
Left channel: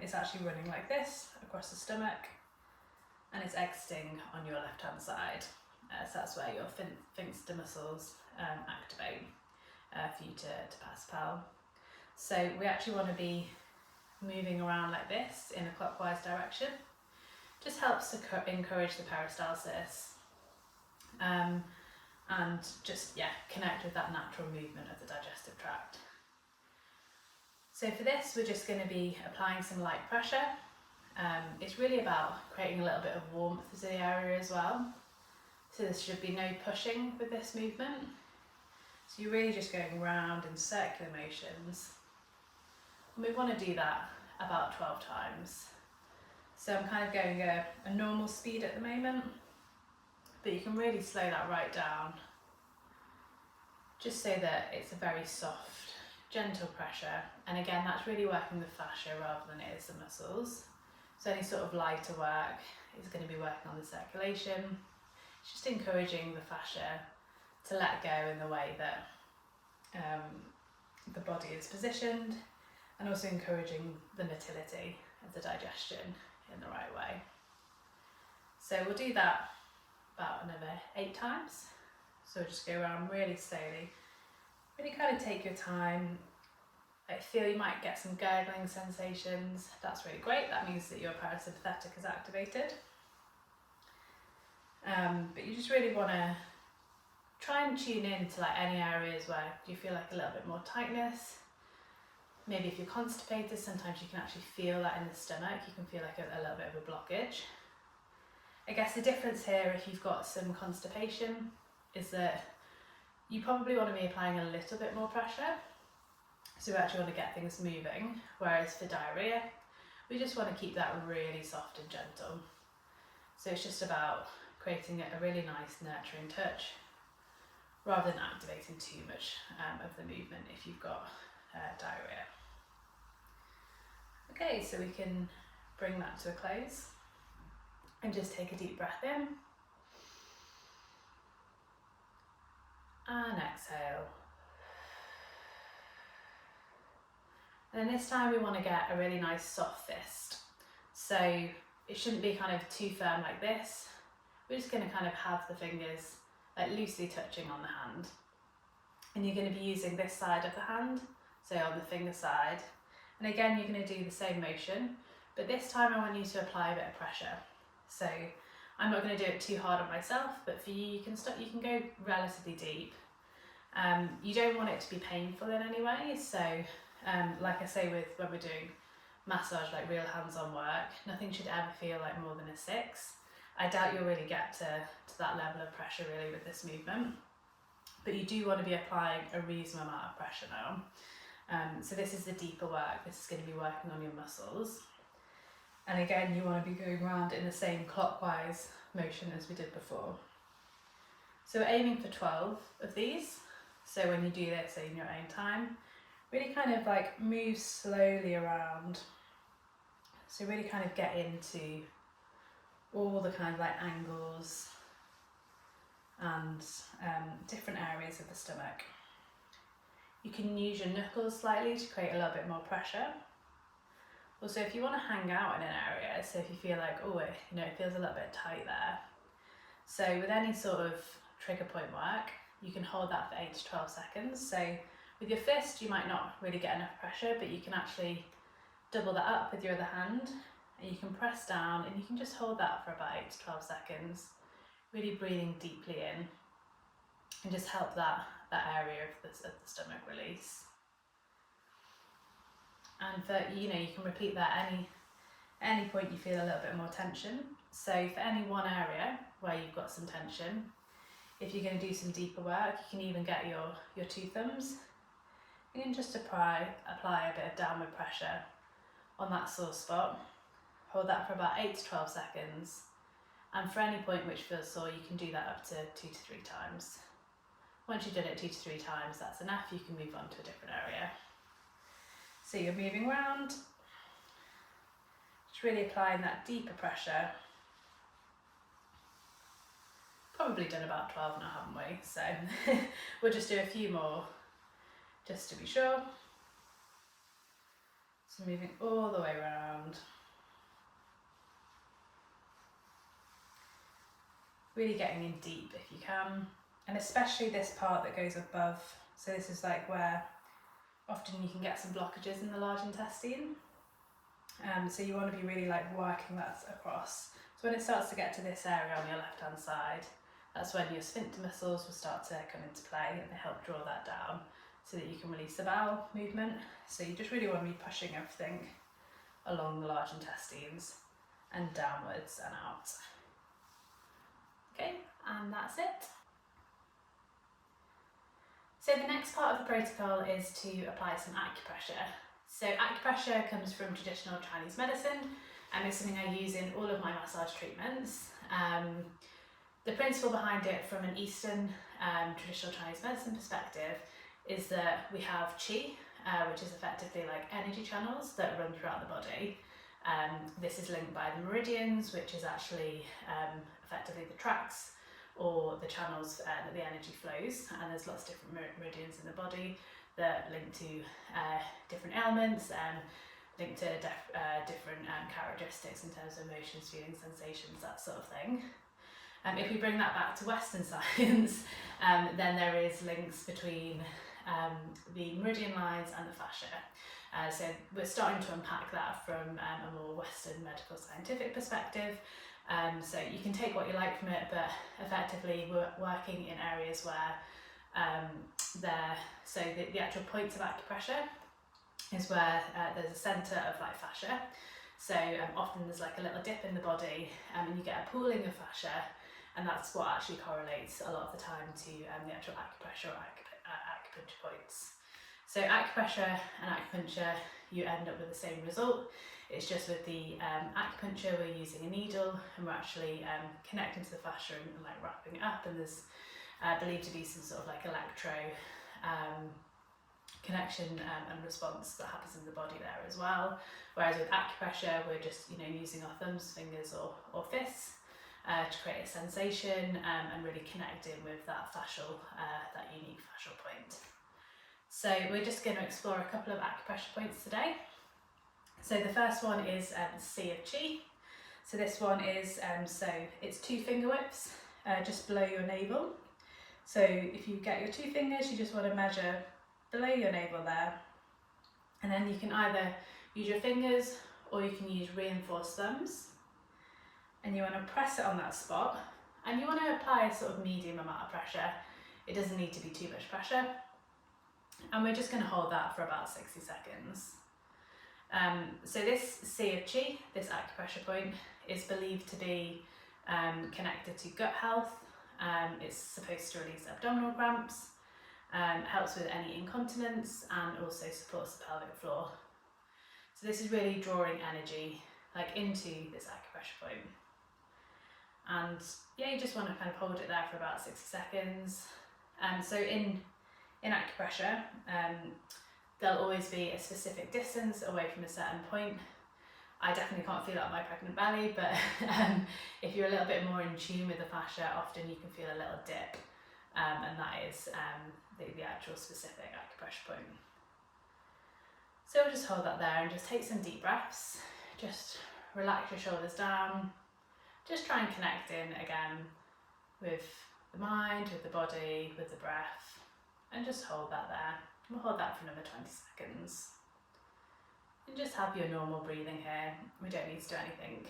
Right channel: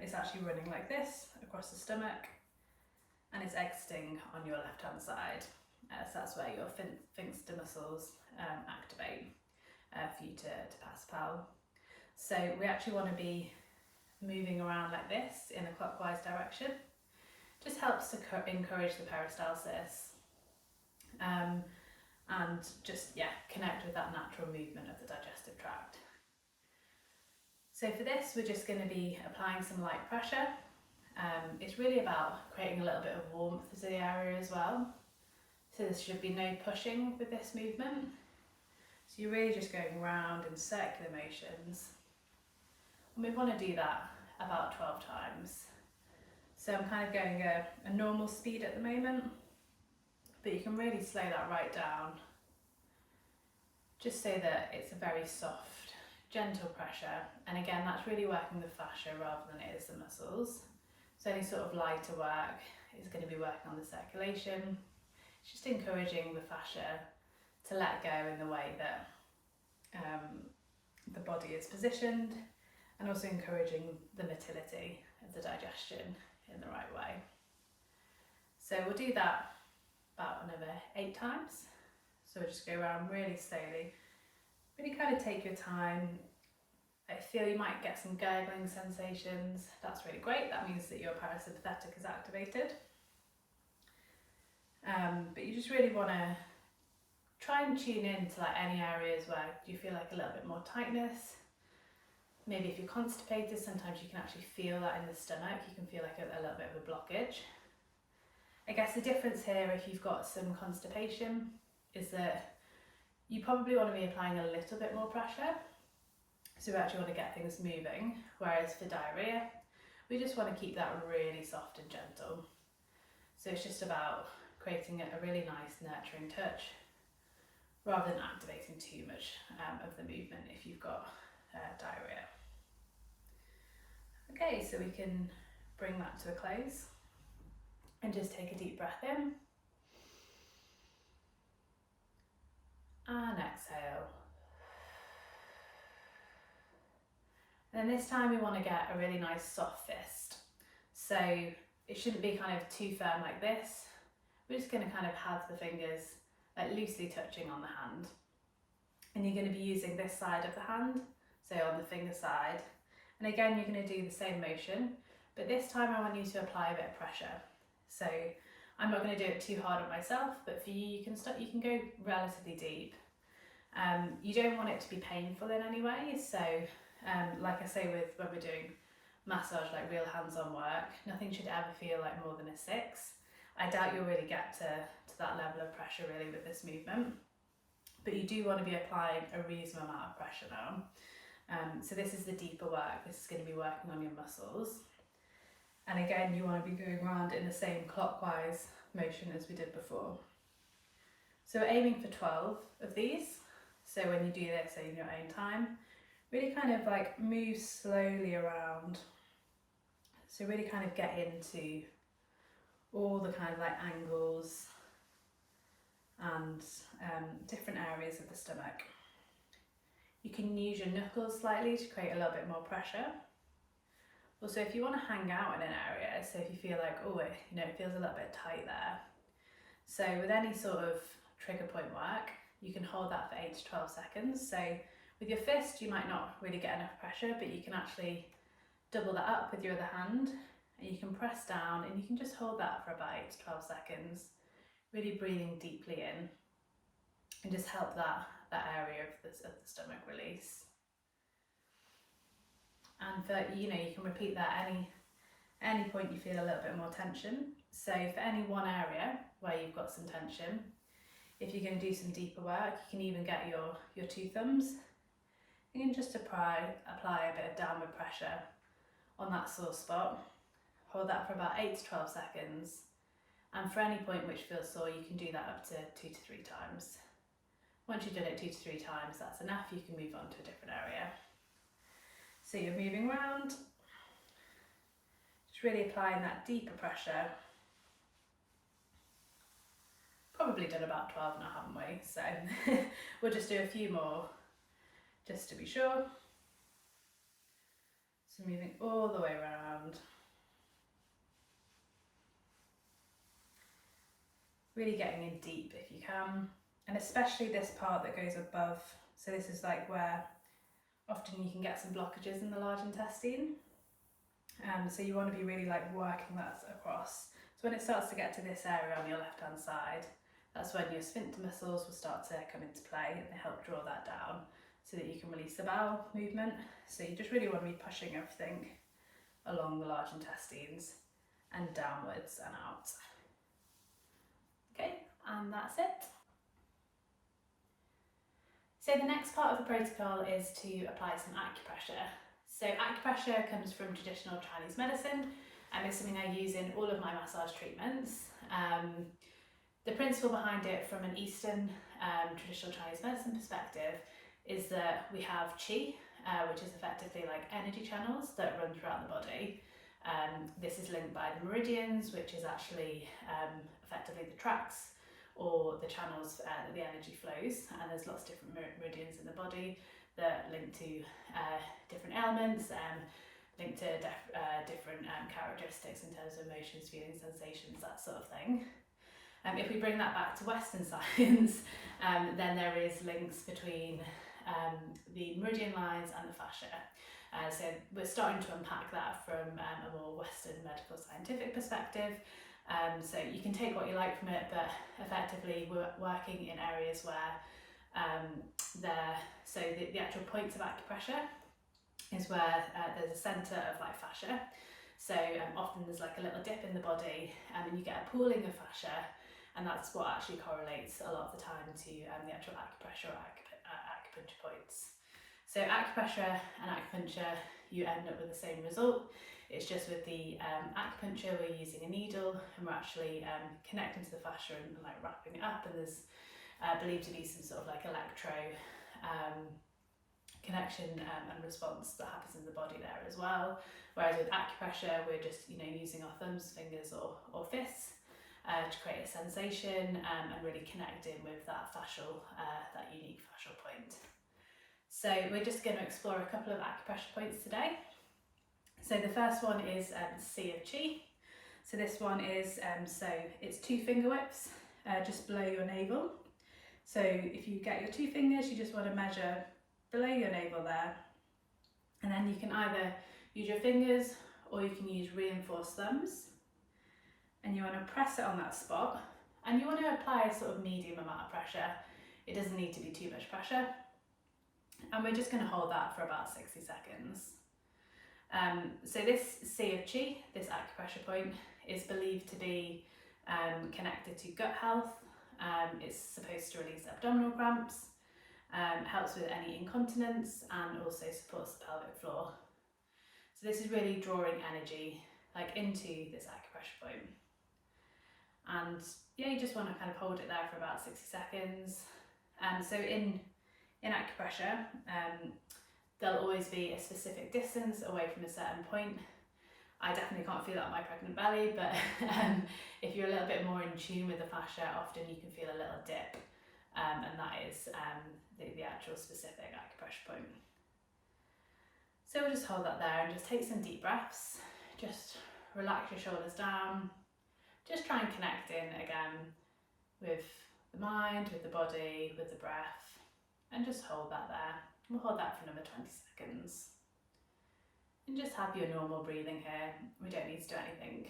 it's actually running like this across the stomach, and it's exiting on your left hand side. So that's where your sphincter muscles activate for you to pass bowel. So we actually want to be moving around like this in a clockwise direction. Just helps to encourage the peristalsis and just connect with that natural movement of the digestive tract. So for this, we're just going to be applying some light pressure. It's really about creating a little bit of warmth to the area as well. So there should be no pushing with this movement. So you're really just going round in circular motions. And we want to do that about 12 times. So I'm kind of going a normal speed at the moment, but you can really slow that right down, just so that it's a very soft, gentle pressure. And again, that's really working the fascia rather than it is the muscles. So any sort of lighter work is going to be working on the circulation. It's just encouraging the fascia to let go in the way that the body is positioned, and also encouraging the motility of the digestion in the right way. So we'll do that about another 8 times. So we'll just go around really slowly, really kind of take your time. I feel you might get some gurgling sensations. That's really great. That means that your parasympathetic is activated. But you just really want to try and tune in to like any areas where you feel like a little bit more tightness. Maybe if you're constipated, sometimes you can actually feel that in the stomach. You can feel like a little bit of a blockage. I guess the difference here, if you've got some constipation, is that you probably want to be applying a little bit more pressure. So we actually want to get things moving. Whereas for diarrhea, we just want to keep that really soft and gentle. So it's just about creating a really nice nurturing touch, rather than activating too much of the movement if you've got diarrhea. Okay, so we can bring that to a close and just take a deep breath in and exhale. And then this time we want to get a really nice soft fist. So it shouldn't be kind of too firm like this. We're just going to kind of have the fingers like loosely touching on the hand. And you're going to be using this side of the hand, so on the finger side. And again, you're going to do the same motion, but this time I want you to apply a bit of pressure. So I'm not going to do it too hard on myself, but for you, you can go relatively deep. You don't want it to be painful in any way. So like I say, when we're doing massage, like real hands-on work, nothing should ever feel like more than a 6. I doubt you'll really get to that level of pressure really with this movement, but you do want to be applying a reasonable amount of pressure now. So this is the deeper work. This is going to be working on your muscles. And again, you want to be going around in the same clockwise motion as we did before. So we're aiming for 12 of these. So when you do this in your own time, really kind of like move slowly around. So really kind of get into all the kind of like angles and different areas of the stomach. You can use your knuckles slightly to create a little bit more pressure. Also, if you want to hang out in an area, so if you feel like, oh, it feels a little bit tight there. So with any sort of trigger point work, you can hold that for 8 to 12 seconds. So with your fist, you might not really get enough pressure, but you can actually double that up with your other hand, and you can press down and you can just hold that for about 8 to 12 seconds, really breathing deeply in, and just help that area of the stomach release. And for you can repeat that any point you feel a little bit more tension. So for any one area where you've got some tension, if you're going to do some deeper work, you can even get your 2 thumbs. You can just apply a bit of downward pressure on that sore spot. Hold that for about 8 to 12 seconds. And for any point which feels sore, you can do that up to 2 to 3 times. Once you've done it 2 to 3 times, that's enough. You can move on to a different area. So you're moving around, just really applying that deeper pressure. Probably done about 12 now, haven't we? So we'll just do a few more just to be sure. So moving all the way around. Really getting in deep if you can, and especially this part that goes above. So this is like where often you can get some blockages in the large intestine. So you want to be really like working that across. So when it starts to get to this area on your left hand side, that's when your sphincter muscles will start to come into play, and they help draw that down so that you can release the bowel movement. So you just really want to be pushing everything along the large intestines and downwards and out. Okay, and that's it. So the next part of the protocol is to apply some acupressure. So acupressure comes from traditional Chinese medicine and is something I use in all of my massage treatments. The principle behind it from an Eastern traditional Chinese medicine perspective is that we have qi, which is effectively like energy channels that run throughout the body. This is linked by the meridians, which is actually effectively the tracks or the channels that the energy flows, and there's lots of different meridians in the body that link to different ailments and link to different characteristics in terms of emotions, feelings, sensations, that sort of thing. If we bring that back to Western science, then there is links between the meridian lines and the fascia. So we're starting to unpack that from a more Western medical scientific perspective. So you can take what you like from it, but effectively we're working in areas where the actual points of acupressure is where there's a centre of like fascia. So often there's like a little dip in the body and you get a pooling of fascia, and that's what actually correlates a lot of the time to the actual acupressure or acupuncture points. So acupressure and acupuncture, you end up with the same result. It's just with the acupuncture we're using a needle and we're actually connecting to the fascia and like wrapping it up, and there's believed to be some sort of like electro connection and response that happens in the body there as well. Whereas with acupressure we're just using our thumbs, fingers or fists to create a sensation and really connect in with that fascial, that unique fascial point. So we're just going to explore a couple of acupressure points today. So the first one is C of Chi. So this one is, it's 2 finger whips just below your navel. So if you get your 2 fingers, you just want to measure below your navel there. And then you can either use your fingers or you can use reinforced thumbs. And you want to press it on that spot. And you want to apply a sort of medium amount of pressure. It doesn't need to be too much pressure. And we're just going to hold that for about 60 seconds. So this C of Chi, this acupressure point, is believed to be connected to gut health. It's supposed to release abdominal cramps, helps with any incontinence, and also supports the pelvic floor. So this is really drawing energy like into this acupressure point. And yeah, you just want to kind of hold it there for about 60 seconds. So in acupressure, there'll always be a specific distance away from a certain point. I definitely can't feel that on my pregnant belly, but if you're a little bit more in tune with the fascia, often you can feel a little dip, and that is the actual specific acupressure point. So we'll just hold that there and just take some deep breaths. Just relax your shoulders down. Just try and connect in again with the mind, with the body, with the breath, and just hold that there. We'll hold that for another 20 seconds. And just have your normal breathing here. We don't need to do anything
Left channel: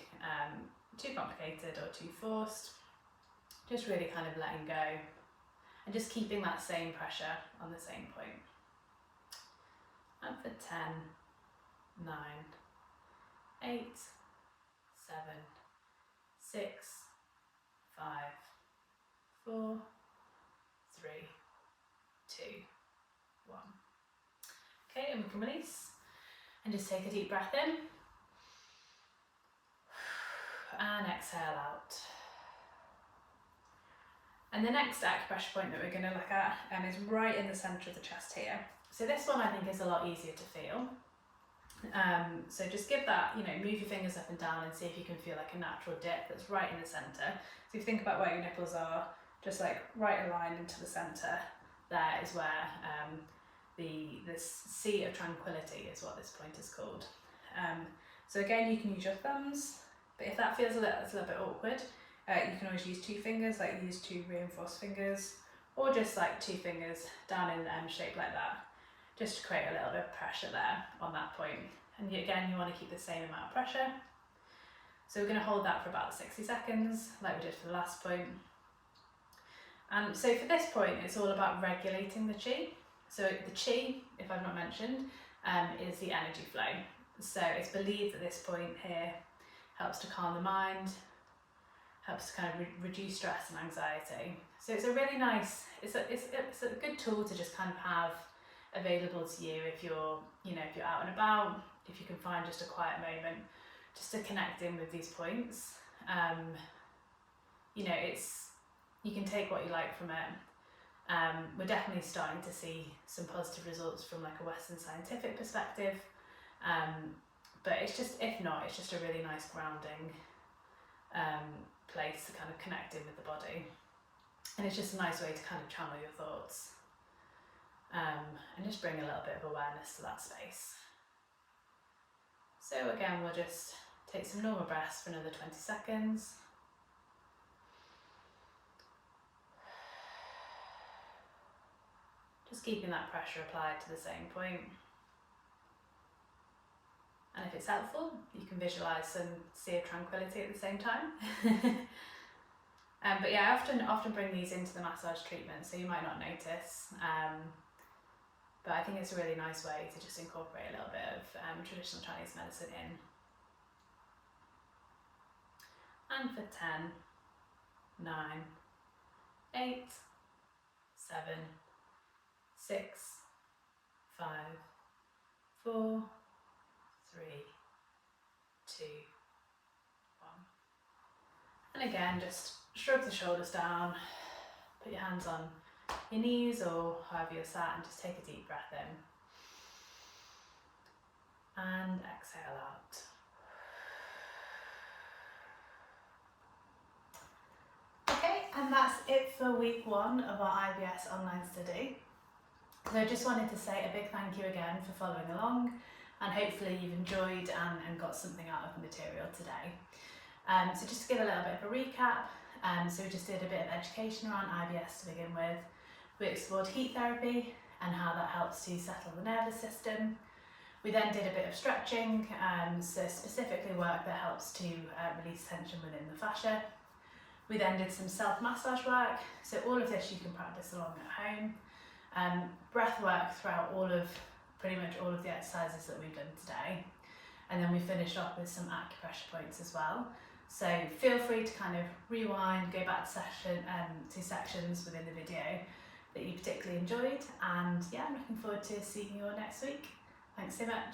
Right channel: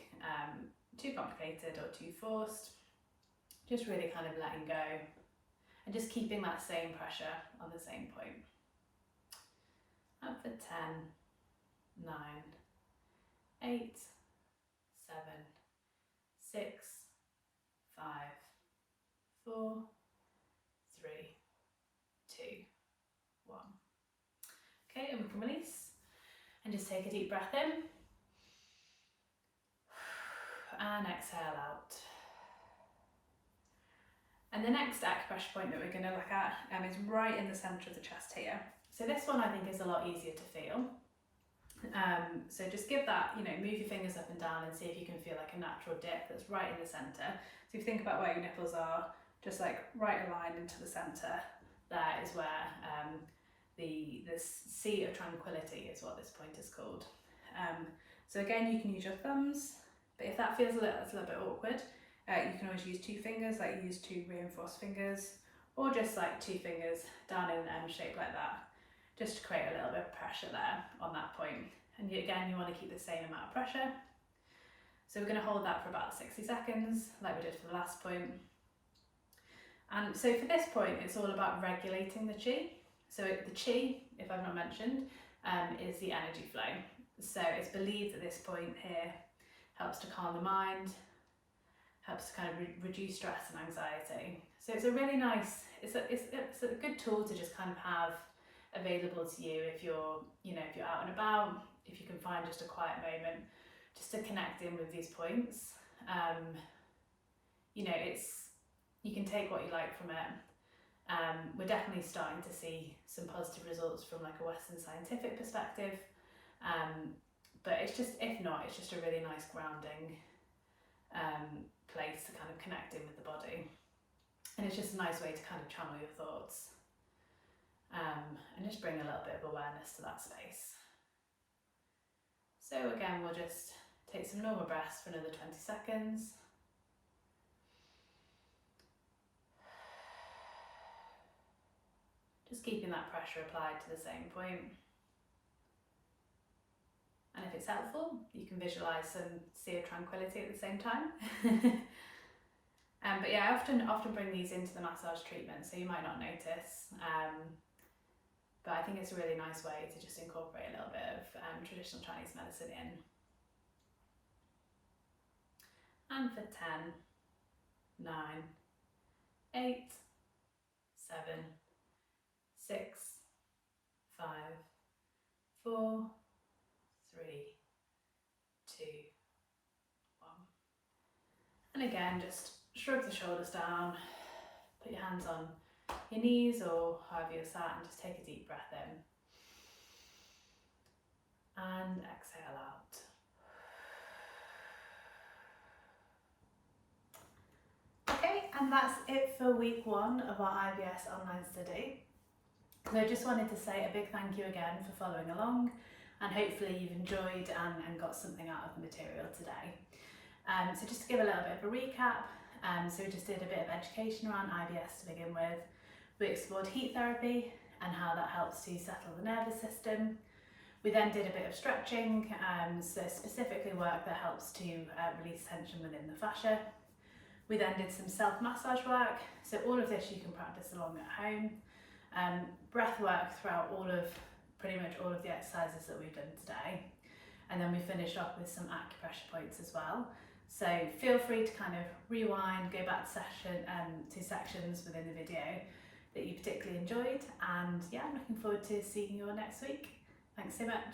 too complicated or too forced. Just really kind of letting go and just keeping that same pressure on the same point. And for 10, 9, 8, 7, 6, 5, 4, 3, 2, 1. Okay, and we can release. And just take a deep breath in and exhale out. And the next acupressure point that we're going to look at is right in the centre of the chest here. So this one I think is a lot easier to feel. So just give that, move your fingers up and down and see if you can feel like a natural dip that's right in the centre. So if you think about where your nipples are, just like right aligned into the centre, there is where the sea of tranquility is what this point is called. So again, you can use your thumbs, but if that feels a little bit awkward, you can always use 2 fingers, like use 2 reinforced fingers, or just like 2 fingers down in an M shape like that, just to create a little bit of pressure there on that point. And again, you want to keep the same amount of pressure. So we're going to hold that for about 60 seconds, like we did for the last point. And so for this point, it's all about regulating the chi. So the chi, if I've not mentioned, is the energy flow. So it's believed that this point here helps to calm the mind, helps to kind of reduce stress and anxiety. So it's a really nice, it's a good tool to just kind of have available to you if you're, if you're out and about, if you can find just a quiet moment, just to connect in with these points. You can take what you like from it. We're definitely starting to see some positive results from like a Western scientific perspective. But it's just, if not, it's just a really nice grounding place to kind of connect in with the body. And it's just a nice way to kind of channel your thoughts and just bring a little bit of awareness to that space. So again, we'll just take some normal breaths for another 20 seconds. Just keeping that pressure applied to the same point. And if it's helpful, you can visualise and see a tranquility at the same time. But yeah, I often bring these into the massage treatment, so you might not notice. But I think it's a really nice way to just incorporate a little bit of traditional Chinese medicine in. And for 10, 9, 8, 7, 6, 5, 4, 3, 2, 1. And again, just shrug the shoulders down, put your hands on your knees or however you're sat, and just take a deep breath in. And exhale out. Okay, and that's it for week 1 of our IBS online study. So I just wanted to say a big thank you again for following along, and hopefully you've enjoyed and got something out of the material today. So just to give a little bit of a recap, so we just did a bit of education around IBS to begin with. We explored heat therapy and how that helps to settle the nervous system. We then did a bit of stretching, so specifically work that helps to release tension within the fascia. We then did some self-massage work, so all of this you can practice along at home. Breath work throughout pretty much all of the exercises that we've done today. And then we finished off with some acupressure points as well. So feel free to kind of rewind, go back to sections within the video that you particularly enjoyed. And yeah, I'm looking forward to seeing you all next week. Thanks so much.